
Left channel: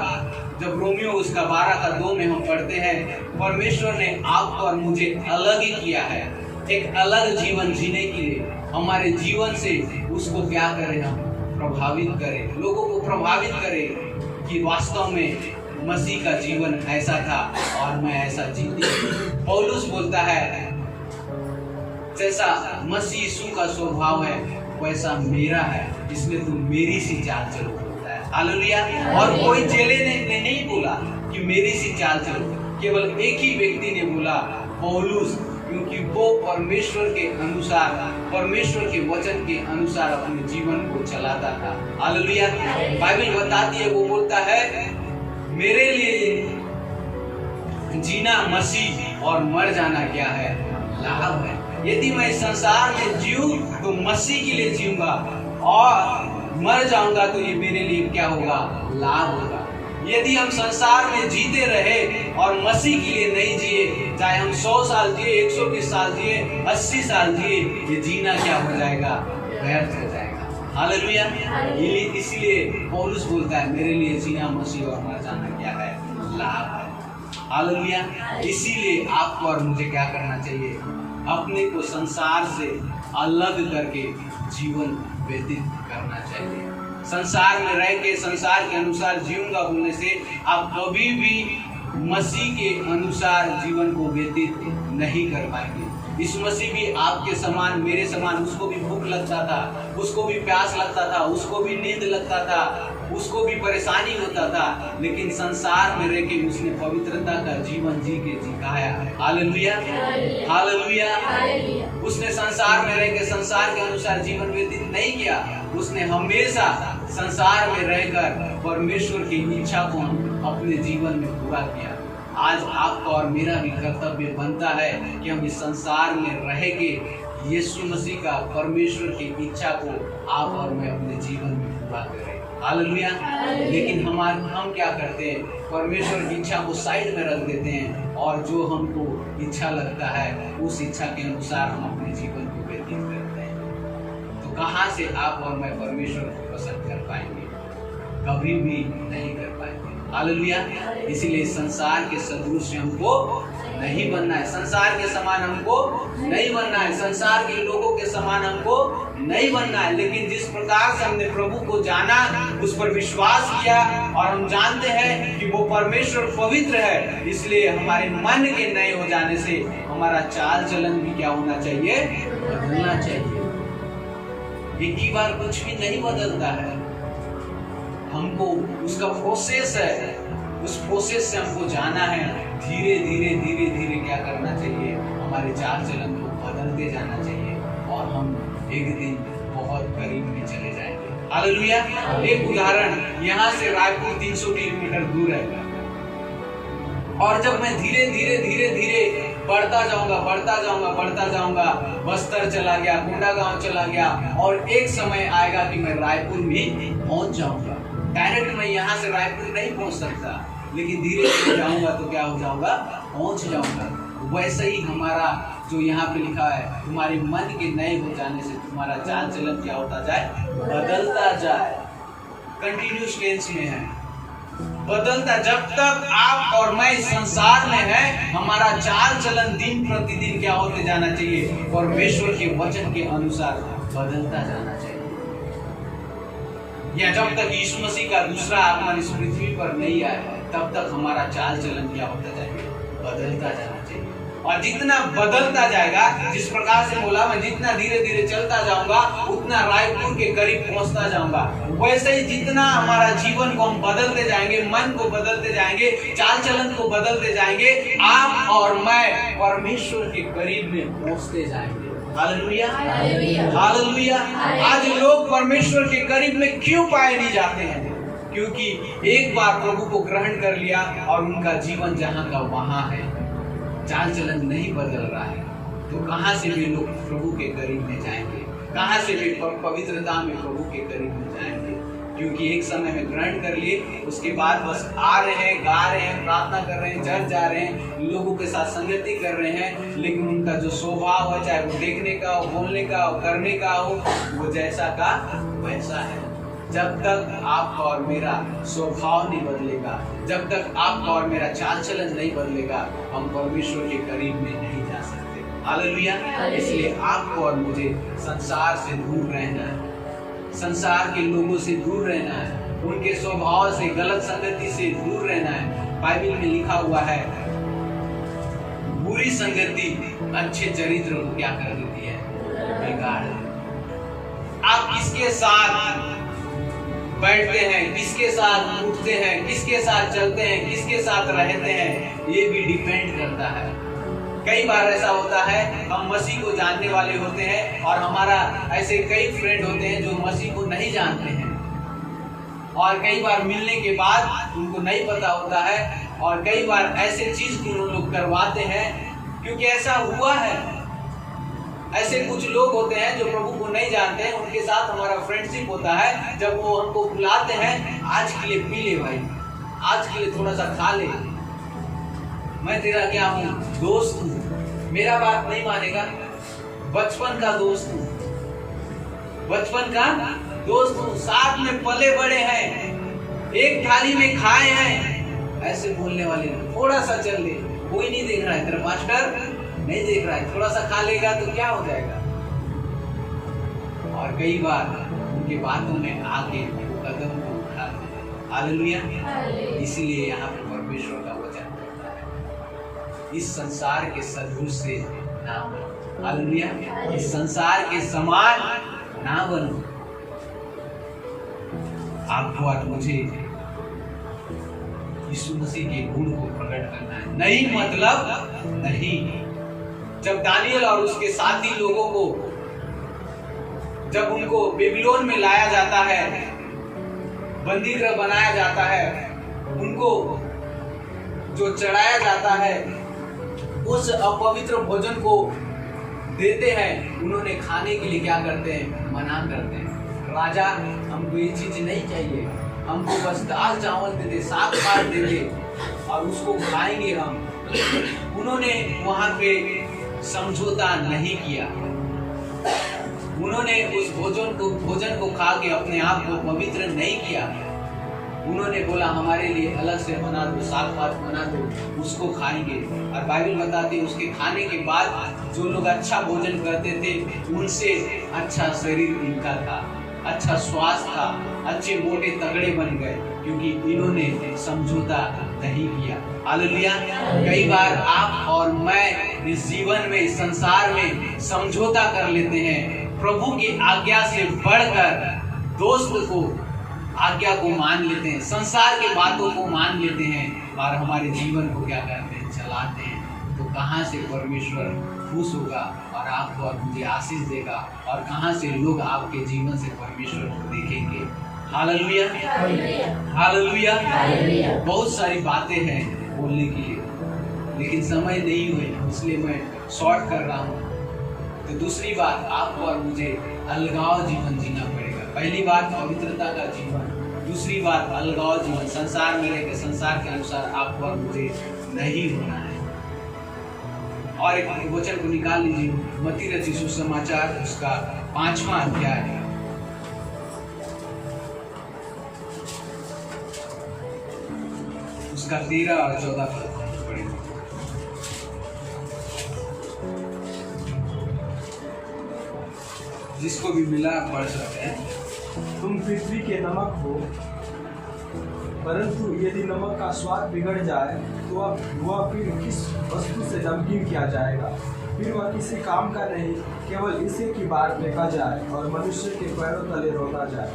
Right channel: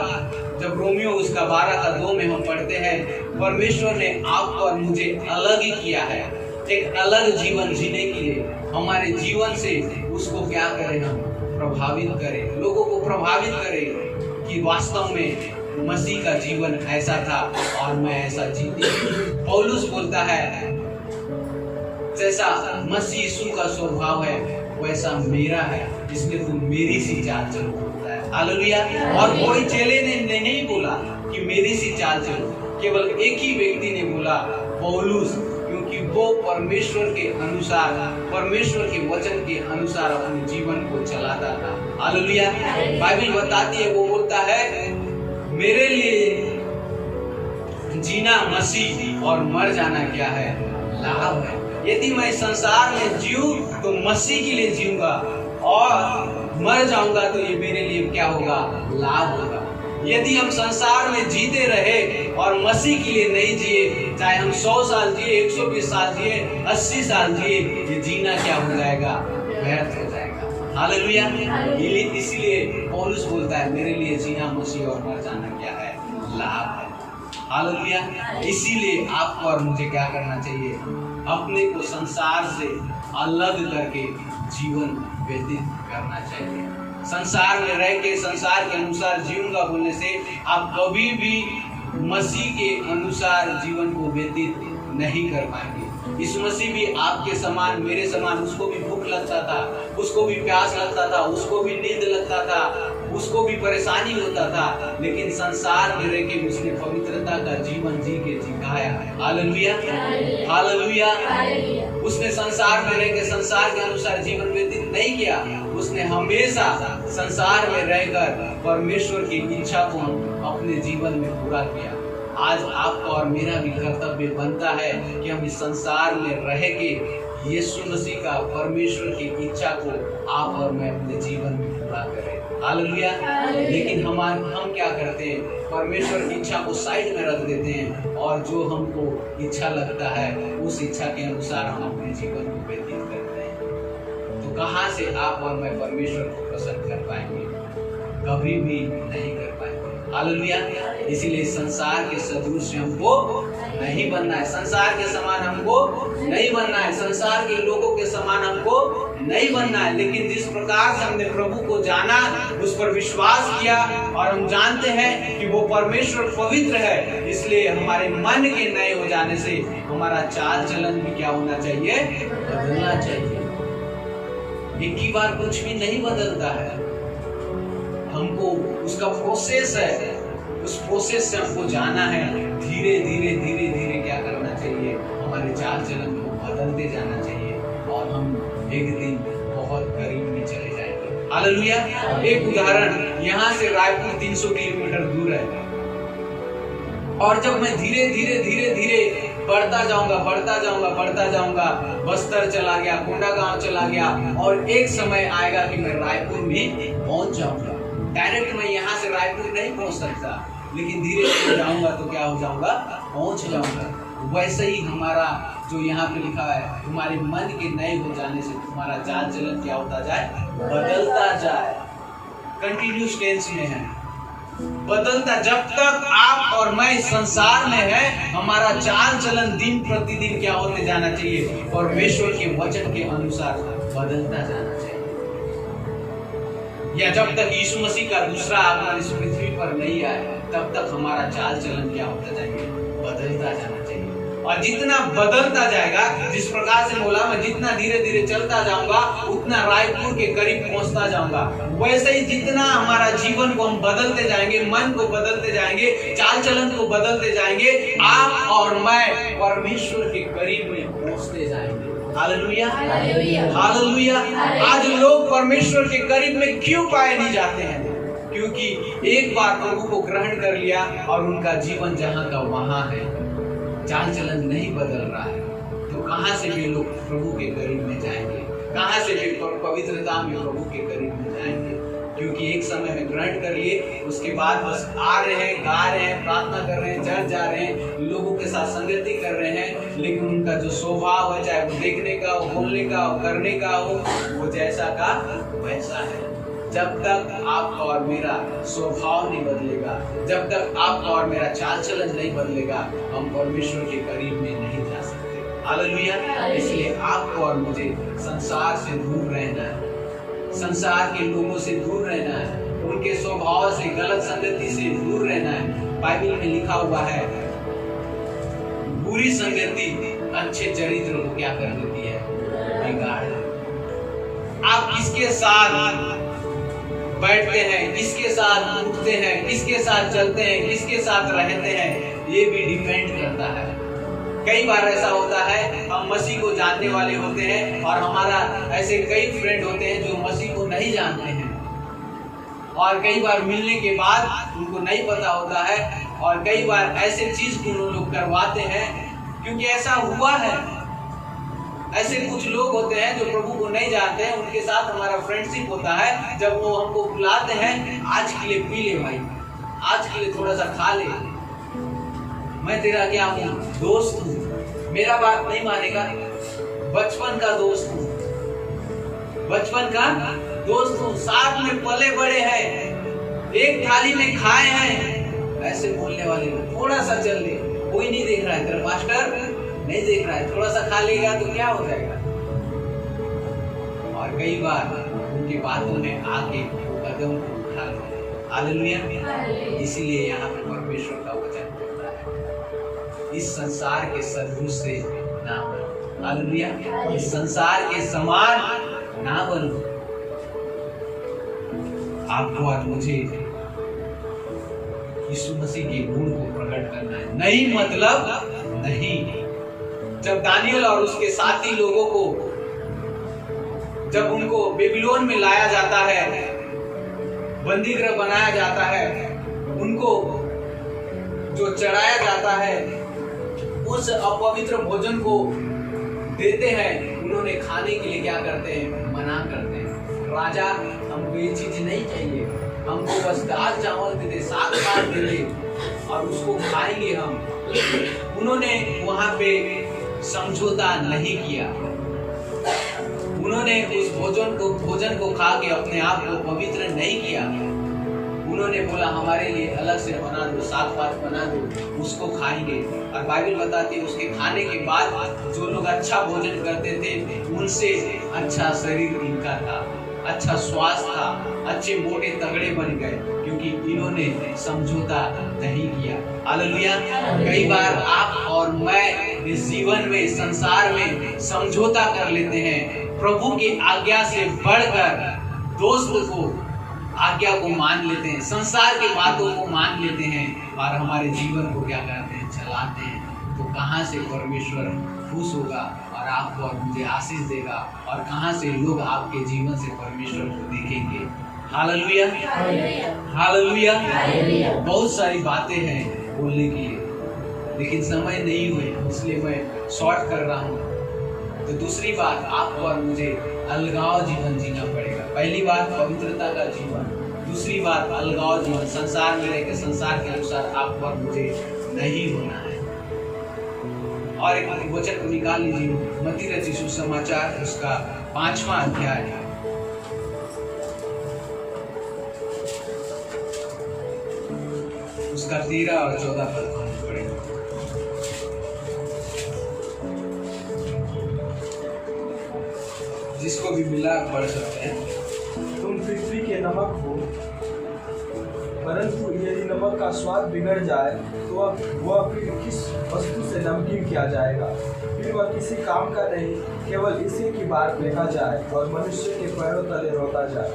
जब रोमियो उसका 12:2 में हम पढ़ते हैं, परमेश्वर ने आपको और मुझे अलग ही किया है, एक अलग जीवन जीने के लिए। हमारे जीवन से उसको क्या करें, हम प्रभावित करें, लोगों को प्रभावित करें कि वास्तव में मसीह का जीवन ऐसा था और मैं ऐसा जीती। पौलुस बोलता है जैसा मसीह यीशु का स्वभाव है वैसा मेरा है, इसलिए तुम मेरी सी चाल चलो। हालेलुया। और कोई चेले ने नहीं बोला कि मेरी सी चाल चलो, केवल एक ही व्यक्ति ने बोला, पौलुस, क्योंकि वो परमेश्वर के अनुसार, परमेश्वर के वचन के अनुसार अपने जीवन को चलाता था। हालेलुया। बाइबल बताती है, वो बोलता है मेरे लिए जीना मसीह और मर जाना क्या है, लाभ है। यदि मैं संसार में जीऊं तो मसीह के लिए जीऊंगा और मर जाऊंगा तो ये मेरे लिए क्या होगा, लाभ होगा। यदि हम संसार में जीते रहे और मसीह के लिए नहीं जिए, चाहे हम 100 साल जिए, 120 साल जिए, 80 साल जिए, ये जीना क्या हो जाएगा, व्यर्थ हो जाएगा। हालेलुया। इसलिए पौलुस बोलता है मेरे लिए जीना मसीह और मर जाना क्या है, लाभ है। हालेलुया। इसीलिए आपको और मुझे क्या करना चाहिए, अपने को संसार से अलग करके जीवन व्यतीत करना चाहिए। संसार में रह के संसार के अनुसार जीऊंगा बोलने से आप कभी भी मसीह के अनुसार जीवन को व्यतीत नहीं कर पाएंगे। इस मसीह भी आपके समान, मेरे समान, उसको भी भूख लगता था, उसको भी प्यास लगता था, उसको भी नींद लगता था, उसको भी परेशानी होता था, लेकिन संसार में रह के उसने पवित्रता का जीवन जी के दिखाया। हालेलुया। हालेलुया। उसने संसार में रह के संसार के अनुसार जीवन व्यतीत नहीं किया, उसने हमेशा संसार में रहकर परमेश्वर की इच्छा को अपने जीवन में पूरा किया। आज आपका और मेरा भी कर्तव्य बनता है कि हम इस संसार में रह के यीशु मसीह का, परमेश्वर की इच्छा को आप और मैं अपने जीवन में पूरा करें। हालेलुया। लेकिन हम क्या करते हैं, परमेश्वर की इच्छा को साइड में रख देते हैं और जो हमको इच्छा लगता है उस इच्छा के अनुसार हम अपने जीवन को व्यतीत करते हैं। तो कहाँ से आप और मैं परमेश्वर को पसंद कर पाएंगे, कभी भी नहीं कर पाएंगे। हालेलुया। इसीलिए संसार के सदृश हमको नहीं बनना है, संसार के समान हमको नहीं बनना है, संसार के लोगों के समान हमको नहीं बनना है। लेकिन जिस प्रकार से हमने प्रभु को जाना, उस पर विश्वास किया और हम जानते हैं कि वो परमेश्वर पवित्र है, इसलिए हमारे मन के नए हो जाने से हमारा चाल चलन भी क्या होना चाहिए, बदलना चाहिए। एक ही बार कुछ भी नहीं बदलता है, हमको उसका प्रोसेस है, उस प्रोसेस से हमको जाना है। धीरे धीरे धीरे धीरे क्या करना चाहिए, हमारे चाल चलन को बदलते जाना चाहिए और हम एक दिन बहुत करीब में चले जाएंगे। हालेलुया। एक उदाहरण, यहाँ से रायपुर 300 किलोमीटर दूर है और जब मैं धीरे धीरे धीरे धीरे बढ़ता जाऊंगा, बस्तर चला गया, कोंडागांव चला गया और एक समय आएगा कि मैं रायपुर में पहुंच जाऊंगा। डायरेक्ट मैं यहाँ से रायपुर नहीं पहुंच सकता, लेकिन धीरे धीरे जाऊंगा तो क्या हो जाऊंगा, पहुंच जाऊंगा। वैसे ही हमारा जो यहाँ पे लिखा है, तुम्हारे मन के नए हो जाने से तुम्हारा चाल चलन क्या होता जाए, बदलता जाए। कंटिन्यूस टेंस में है, बदलता। जब तक आप और मैं संसार में है, हमारा चाल चलन दिन प्रतिदिन क्या होते जाना चाहिए, परमेश्वर के वचन के अनुसार बदलता जाना चाहिए। या जब तक यीशु मसीह का दूसरा आगमन इस पृथ्वी पर नहीं आया, तब तक हमारा चाल चलन क्या होता जाएगा, बदलता जाना चाहिए। और जितना बदलता जाएगा, जिस प्रकार से बोला, मैं जितना धीरे धीरे चलता जाऊंगा उतना रायपुर के करीब पहुंचता जाऊंगा। वैसे ही जितना हमारा जीवन को हम बदलते जाएंगे, मन को बदलते जाएंगे, चाल चलन को बदलते जाएंगे, आप और मैं परमेश्वर के करीब में पहुंचते जाएंगे। हालेलुया। हालेलुया। आज लोग परमेश्वर के करीब में क्यों पाए नहीं जाते हैं? क्योंकि एक बार प्रभु को ग्रहण कर लिया और उनका जीवन जहाँ का वहाँ है, चाल चलन नहीं बदल रहा है, तो कहाँ से भी लोग प्रभु के करीब में जाएंगे, कहाँ से भी पवित्रता में प्रभु के करीब में जाएंगे। क्योंकि एक समय में ग्रहण कर लिए, उसके बाद बस आ रहे हैं, गा रहे हैं, प्रार्थना कर रहे हैं, चर्च जा रहे हैं, लोगों के साथ संगति कर रहे हैं, लेकिन उनका जो स्वभाव है, चाहे वो देखने का हो, बोलने का हो, करने का हो, वो जैसा का वैसा है। जब तक आपका और मेरा स्वभाव नहीं बदलेगा, जब तक आपका और मेरा चाल चलन नहीं बदलेगा, हम परमेश्वर के करीब में नहीं जा सकते। हालेलुया। इसलिए आपको और मुझे संसार से दूर रहना है, संसार के लोगों से दूर रहना है, उनके स्वभाव से, गलत संगति से दूर रहना है। बाइबल में लिखा हुआ है, बुरी संगति अच्छे चरित्र को क्या कर देती है, बिगाड़। आप किसके साथ बैठते हैं, किसके साथ उठते हैं, किसके साथ चलते हैं, किसके साथ रहते हैं, ये भी डिपेंड करता है। कई बार ऐसा होता है, हम मसीह को जानने वाले होते हैं और हमारा ऐसे कई फ्रेंड होते हैं जो मसीह को नहीं जानते हैं, और कई बार मिलने के बाद उनको नहीं पता होता है, और कई बार ऐसे चीज भी वो लोग करवाते हैं, क्योंकि ऐसा हुआ है। ऐसे कुछ लोग होते हैं जो प्रभु को नहीं जानते हैं, उनके साथ हमारा फ्रेंडशिप होता है। जब वो हमको बुलाते हैं, आज के लिए पी ले भाई, आज के लिए थोड़ा सा खा ले, मैं तेरा क्या हूँ, दोस्त हूँ, मेरा बात नहीं मानेगा, बचपन का दोस्त हूँ, बचपन का दोस्त हूँ, साथ में पले बड़े हैं, एक थाली में खाए हैं, ऐसे बोलने वाले लोग। थोड़ा सा चल ले, कोई नहीं देख रहा है, तेरा पास्टर नहीं देख रहा है, थोड़ा सा खा लेगा तो क्या हो जाएगा। और कई बार उनके बातों में आके कदम को उठा देते। हालेलुया। इसीलिए यहाँ पे परमेश्वर का वचन बोलता है, इस संसार के सदृश से ना बनो। हालेलुया। इस संसार के समान ना बनो। आपको आज मुझे यीशु मसीह के गुण को प्रकट करना है, नहीं मतलब नहीं। जब दानियल और उसके साथी लोगों को, जब उनको बेबीलोन में लाया जाता है, बंदीगृह बनाया जाता है, उनको जो चढ़ाया जाता है, उस अपवित्र भोजन को देते हैं, उन्होंने खाने के लिए क्या करते हैं, मना करते हैं। राजा, हमको ये चीज नहीं चाहिए, हमको बस दाल चावल दे दे, साग पात दे दे और उसको खाएंगे हम। उन्होंने वहां पे समझौता नहीं किया, उन्होंने उस भोजन को खा के अपने आप को पवित्र नहीं किया। उन्होंने बोला हमारे लिए अलग से बना दो, साग पात बना दो, उसको खाएंगे। और बाइबल बताती है उसके खाने के बाद जो लोग अच्छा भोजन करते थे, उनसे अच्छा शरीर इनका था, अच्छा स्वास्थ्य था, अच्छे मोटे तगड़े बन गए, क्योंकि इन्होंने समझौता नहीं किया। हालेलुया। कई बार आप और मैं इस जीवन में, इस संसार में समझौता कर लेते हैं, प्रभु की आज्ञा से बढ़कर दोस्त को आज्ञा को मान लेते हैं, संसार की बातों को मान लेते हैं और हमारे जीवन को क्या करते हैं, चलाते हैं। तो कहाँ से परमेश्वर खुश होगा और आपको और मुझे आशीष देगा, और कहाँ से लोग आपके जीवन से परमेश्वर को देखेंगे। Hallelujah, hallelujah. बहुत सारी बातें हैं बोलने के लिए, लेकिन समय नहीं हुए, इसलिए मैं शॉर्ट कर रहा हूँ। तो दूसरी बात, आपको और मुझे अलगाव जीवन जीना पड़ेगा। पहली बात पवित्रता का जीवन, दूसरी बात अलगाव जीवन, संसार में रहकर संसार के अनुसार आपको और मुझे नहीं होना है। और एक वचन को निकाल लीजिए, मत्ती रचित सुसमाचार उसका 5वां अध्याय, उसका 13 और 14 पद पढ़ेंगे। जिसको भी मिला पढ़ सकते हैं। तुम पृथ्वी के नमक हो, परंतु यदि नमक का स्वाद बिगड़ जाए तो अब वह फिर किस वस्तु से नमकीन किया जाएगा, फिर वह किसी काम का नहीं, केवल इसी की बात फेंका जाए और मनुष्य के पैरों तले रोता जाए।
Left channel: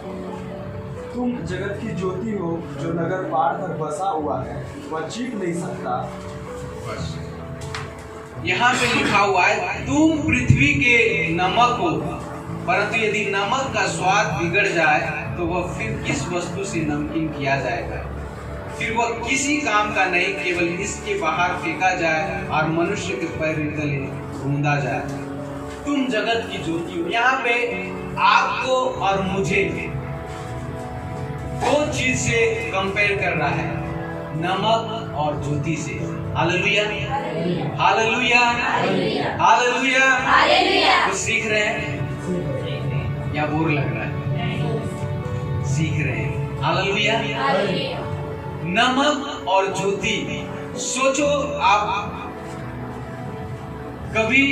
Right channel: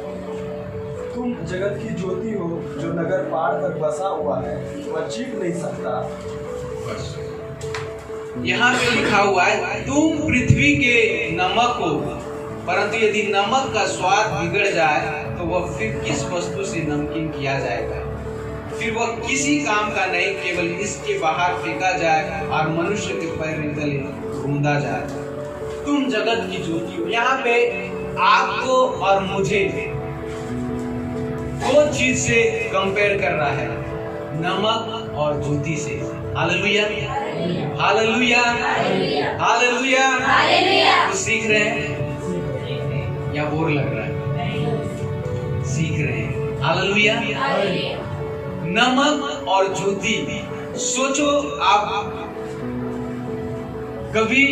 तुम जगत की ज्योति हो, जो नगर पार तक बसा हुआ है, वह छिप नहीं सकता। यहाँ पे लिखा हुआ है, तुम पृथ्वी के नमक हो, परंतु यदि नमक का स्वाद बिगड़ जाए तो वह फिर किस वस्तु से नमकीन किया जाएगा? फिर वह किसी काम का नहीं, केवल इसके बाहर फेंका जाए और मनुष्य के पैर तले रौंदा जाए। तुम जगत की ज्योति हो। यहाँ पे आपको और मुझे दो चीज से कंपेयर कर रहा है, नमक और ज्योति से। Hallelujah, hallelujah, hallelujah. कुछ सीख रहे हैं या बोर लग रहा है? सीख रहे हैं। हालेलुया। नमक और ज्योति। सोचो, आप कभी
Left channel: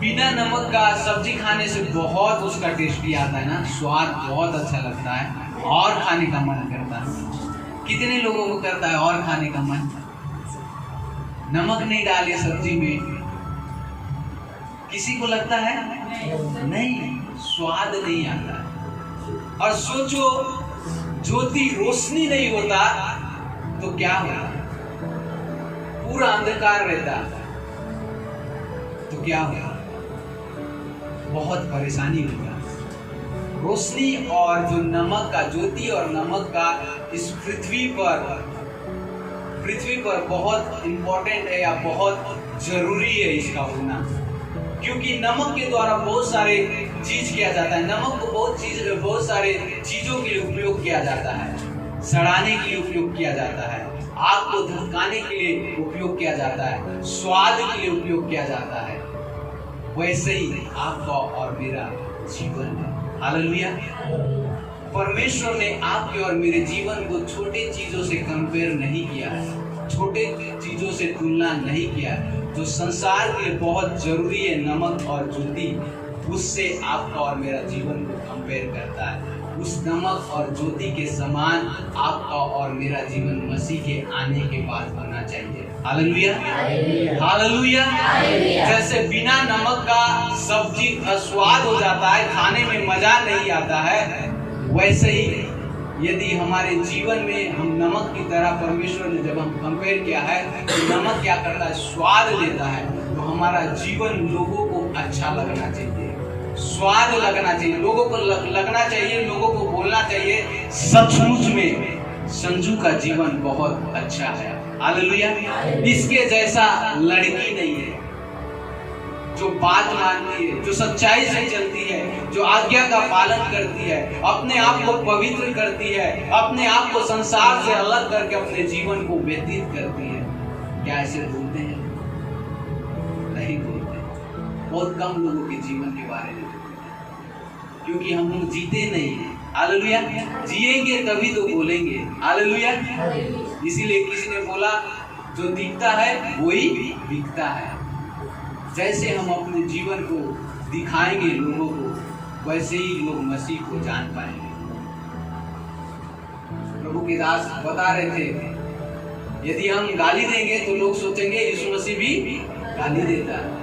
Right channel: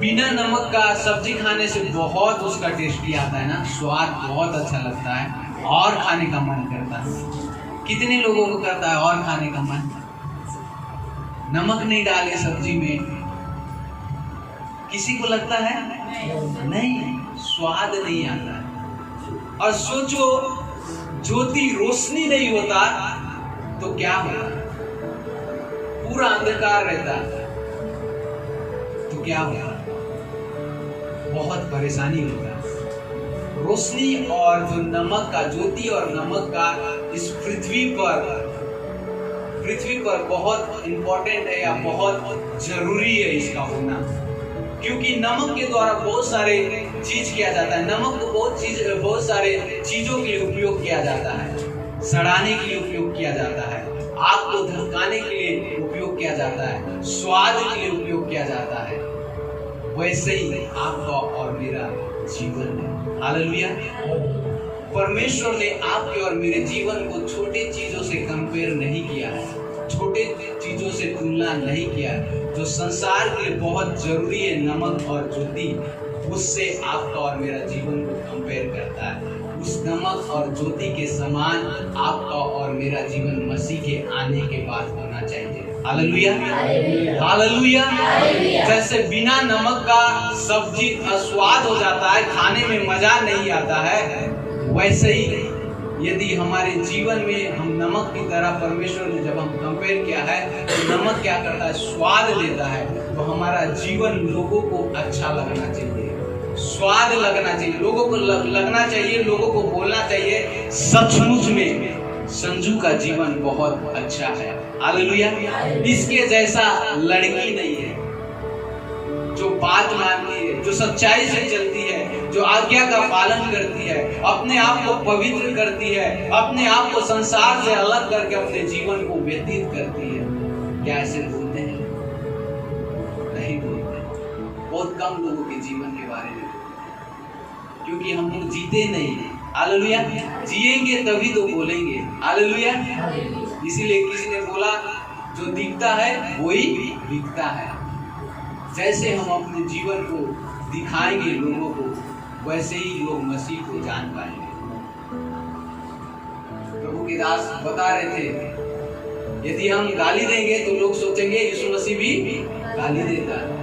बिना नमक का सब्जी खाने से बहुत उसका टेस्टी आता है ना, स्वाद बहुत अच्छा लगता है और खाने का मन करता है। कितने लोगों को करता है और खाने का मन? नमक नहीं डाले सब्जी में किसी को लगता है नहीं, स्वाद नहीं आता है। और सोचो, ज्योति रोशनी नहीं होता तो क्या होता? पूरा अंधकार रहता तो क्या होता? बहुत परेशानी होता। रोशनी और जो नमक का, ज्योति और नमक का इस पृथ्वी पर बहुत इंपॉर्टेंट है या बहुत जरूरी है इसका होना, क्योंकि नमक के द्वारा बहुत सारे चीज किया जाता है। नमक को बहुत सारे चीजों के लिए उपयोग किया जाता है। सड़ाने के लिए उपयोग किया जाता है, आग को धमकाने के लिए उपयोग किया जाता है, स्वाद के लिए उपयोग किया जाता है। वैसे ही आपका और मेरा जीवन है। हालेलुया। परमेश्वर ने आपके और मेरे जीवन को छोटे चीजों से कंपेयर नहीं किया है, छोटे चीजों से तुलना नहीं किया है। जो संसार के लिए बहुत जरूरी है, नमक और ज्योति, उससे आपका और मेरा जीवन को कंपेयर करता है। उस नमक और ज्योति के समान आपका और मेरा जीवन मसीह के आने के बाद होना चाहिए। Hallelujah, hallelujah. जैसे बिना नमक का सब्जी अस्वाद हो जाता है, खाने में मजा नहीं आता है, वैसे ही यदि हमारे जीवन में हम नमक की तरह, परमेश्वर ने जब हम कंपेयर किया है तो नमक क्या करता है? स्वाद देता है। तो हमारा जीवन लोगों को अच्छा लगना चाहिए, स्वाद लगना चाहिए, लोगों को लगना चाहिए, लोगों को बोलना चाहिए सचमुच में संजू का जीवन बहुत अच्छा है। हालेलुया। इसके जैसा लड़की नहीं है जो बात मानती है, जो सच्चाई से चलती है, जो आज्ञा का पालन करती है, अपने आप को पवित्र करती है, अपने आप को संसार से अलग करके अपने जीवन को व्यतीत करती है। क्या ऐसे बोलते हैं? नहीं बोलते। बहुत कम लोगों के जीवन के बारे में, क्योंकि हम लोग जीते नहीं। हालेलुया। जिएंगे तभी तो बोलेंगे। हालेलुया। इसीलिए किसी ने बोला, जो दिखता है वही बिकता है। जैसे हम अपने जीवन को दिखाएंगे लोगों को, वैसे ही लोग मसीह को जान पाएंगे। प्रभु के दास बता रहे थे, यदि हम गाली देंगे तो लोग सोचेंगे यीशु मसीह भी गाली देता है।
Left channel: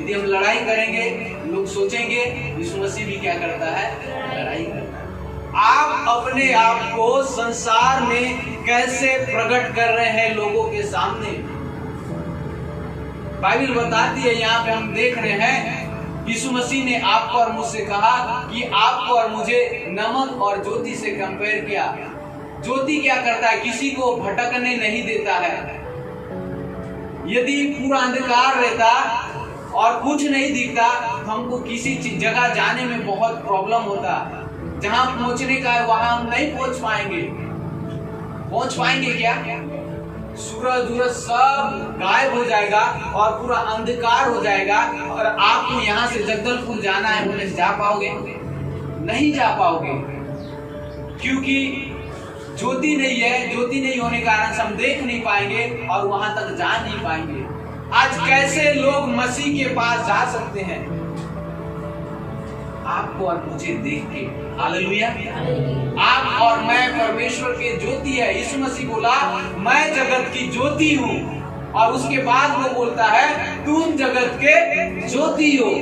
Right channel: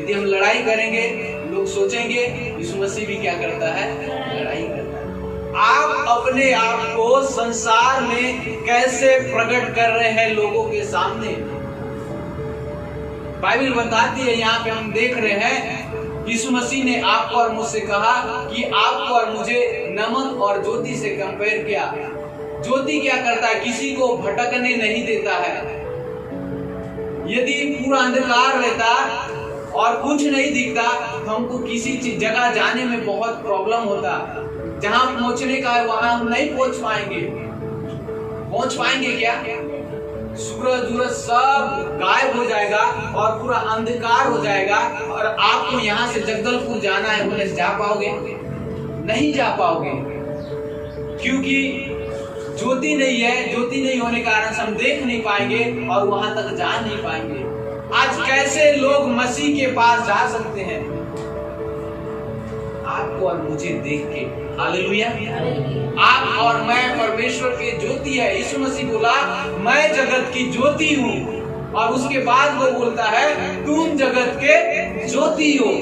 यदि हम लड़ाई करेंगे, लोग सोचेंगे यीशु मसीह भी क्या करता है? लड़ाई करता है। आप अपने आप को संसार में कैसे प्रकट कर रहे हैं लोगों के सामने? बाइबल बताती है, यहाँ पे हम देख रहे हैं, यीशु मसीह ने आपको और मुझसे कहा कि आपको और मुझे नमक और ज्योति से कंपेयर किया। ज्योति क्या करता है? किसी को भटकने नहीं देता है। यदि पूरा अंधकार रहता और कुछ नहीं दिखता तो हमको किसी जगह जाने में बहुत प्रॉब्लम होता। जहां पहुंचने का है वहां हम नहीं पहुंच पाएंगे। पहुंच पाएंगे क्या? सूरज सब गायब हो जाएगा और पूरा अंधकार हो जाएगा, और आपको यहाँ से जगदलपुर जाना है, उन्हें जा पाओगे? नहीं जा पाओगे, क्योंकि ज्योति नहीं है। ज्योति नहीं होने के कारण से हम देख नहीं पाएंगे और वहां तक जा नहीं पाएंगे। आज कैसे लोग मसीह के पास जा सकते हैं? आपको और मुझे देख के। हालेलुया। आप और मैं परमेश्वर के ज्योति है। यीशु मसीह बोला, मैं जगत की ज्योति हूँ, और उसके बाद वो बोलता है, तुम जगत के ज्योति हो।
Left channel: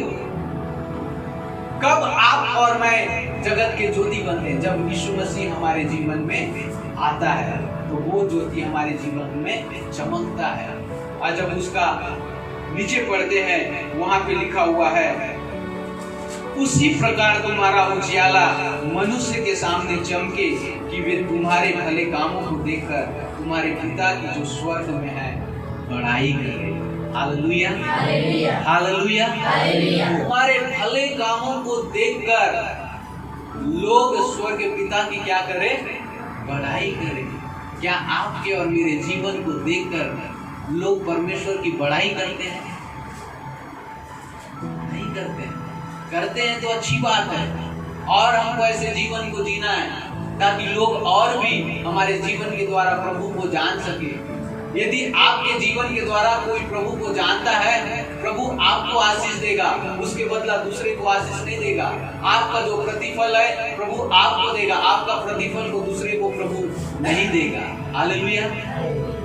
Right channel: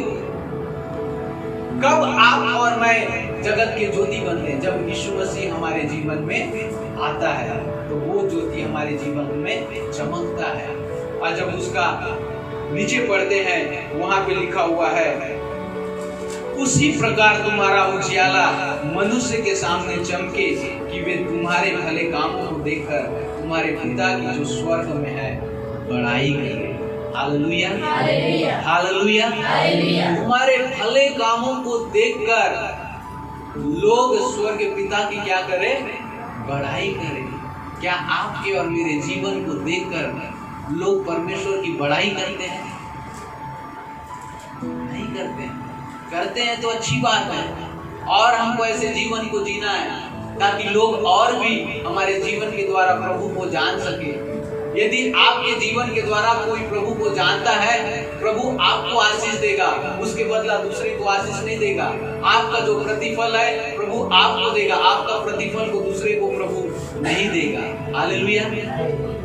कब आप और मैं जगत के ज्योति बनते हैं? जब यीशु मसीह हमारे जीवन में आता है तो वो ज्योति हमारे जीवन में चमकता है। और जब उसका नीचे पढ़ते हैं, वहां पे लिखा हुआ है, उसी प्रकार तुम्हारा उजियाला मनुष्य के सामने चमके कि वे तुम्हारे भले कामों को देखकर तुम्हारे पिता की जो स्वर्ग में है बड़ाई करें। Hallelujah, hallelujah. तुम्हारे भले कामों को देखकर लोग स्वर्ग के पिता की क्या करें? बड़ाई करें। क्या आपके और मेरे जीवन को देखकर लोग परमेश्वर की बड़ाई करते हैं? नहीं करते हैं। करते हैं तो अच्छी बात है, और हमको ऐसे जीवन को जीना है ताकि लोग और भी हमारे जीवन के द्वारा प्रभु को जान सके। यदि आपके जीवन के द्वारा कोई प्रभु को जानता है, प्रभु आपको आशीष देगा, उसके बदला दूसरे को आशीष नहीं देगा। आपका जो प्रतिफल है प्रभु आपको देगा, आपका प्रतिफल को दूसरे को प्रभु नहीं देगा। हालेलुया।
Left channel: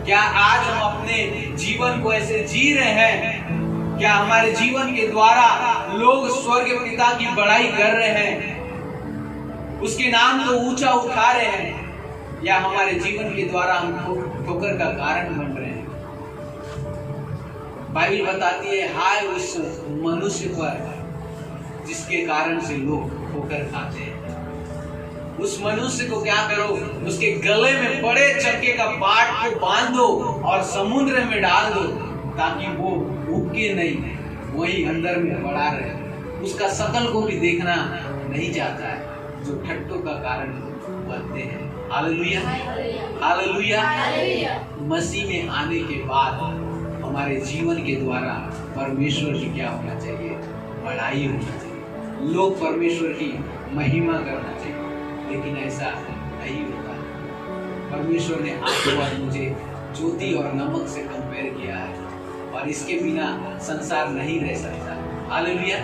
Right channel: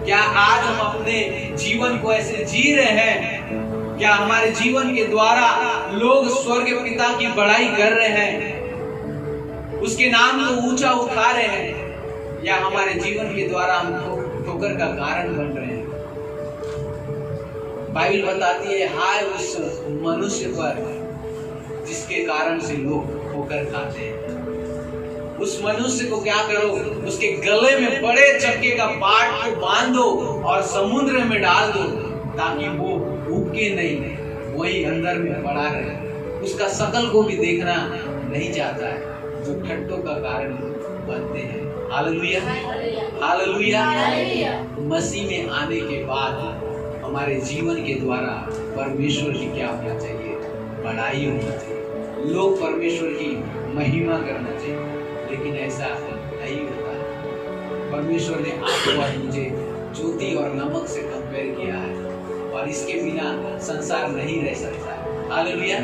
क्या आज हम अपने जीवन को ऐसे जी रहे हैं? क्या हमारे जीवन के द्वारा लोग स्वर्ग पिता की बड़ाई कर रहे हैं, उसके नाम को ऊंचा उठा रहे हैं, या हमारे जीवन के द्वारा हम ठोकर का कारण बन रहे हैं? बाइबल बताती है, हाय उस मनुष्य पर जिसके कारण से लोग ठोकर खाते हैं। उस मनुष्य को क्या करो? उसके गले में बड़े चक्के का पाट को बांध दो और समुद्र में डाल दो, ताकि वो भूखे नहीं, वही अंदर में पड़ा रहे। उसका शकल को भी देखना नहीं चाहता है, जो ठट्टों का कारण बनते हैं। Hallelujah, hallelujah. मसीह में आने के बाद हमारे जीवन के द्वारा परमेश्वर की क्या होना चाहिए? बड़ाई होना चाहिए। लोग परमेश्वर की महिमा करना चाहिए, लेकिन ऐसा नहीं होता है। परमेश्वर ने आपको और मुझे ज्योति और नमक से कंपेयर किया है, और इसके बिना संसार नहीं रह सकता है। हालेलुया।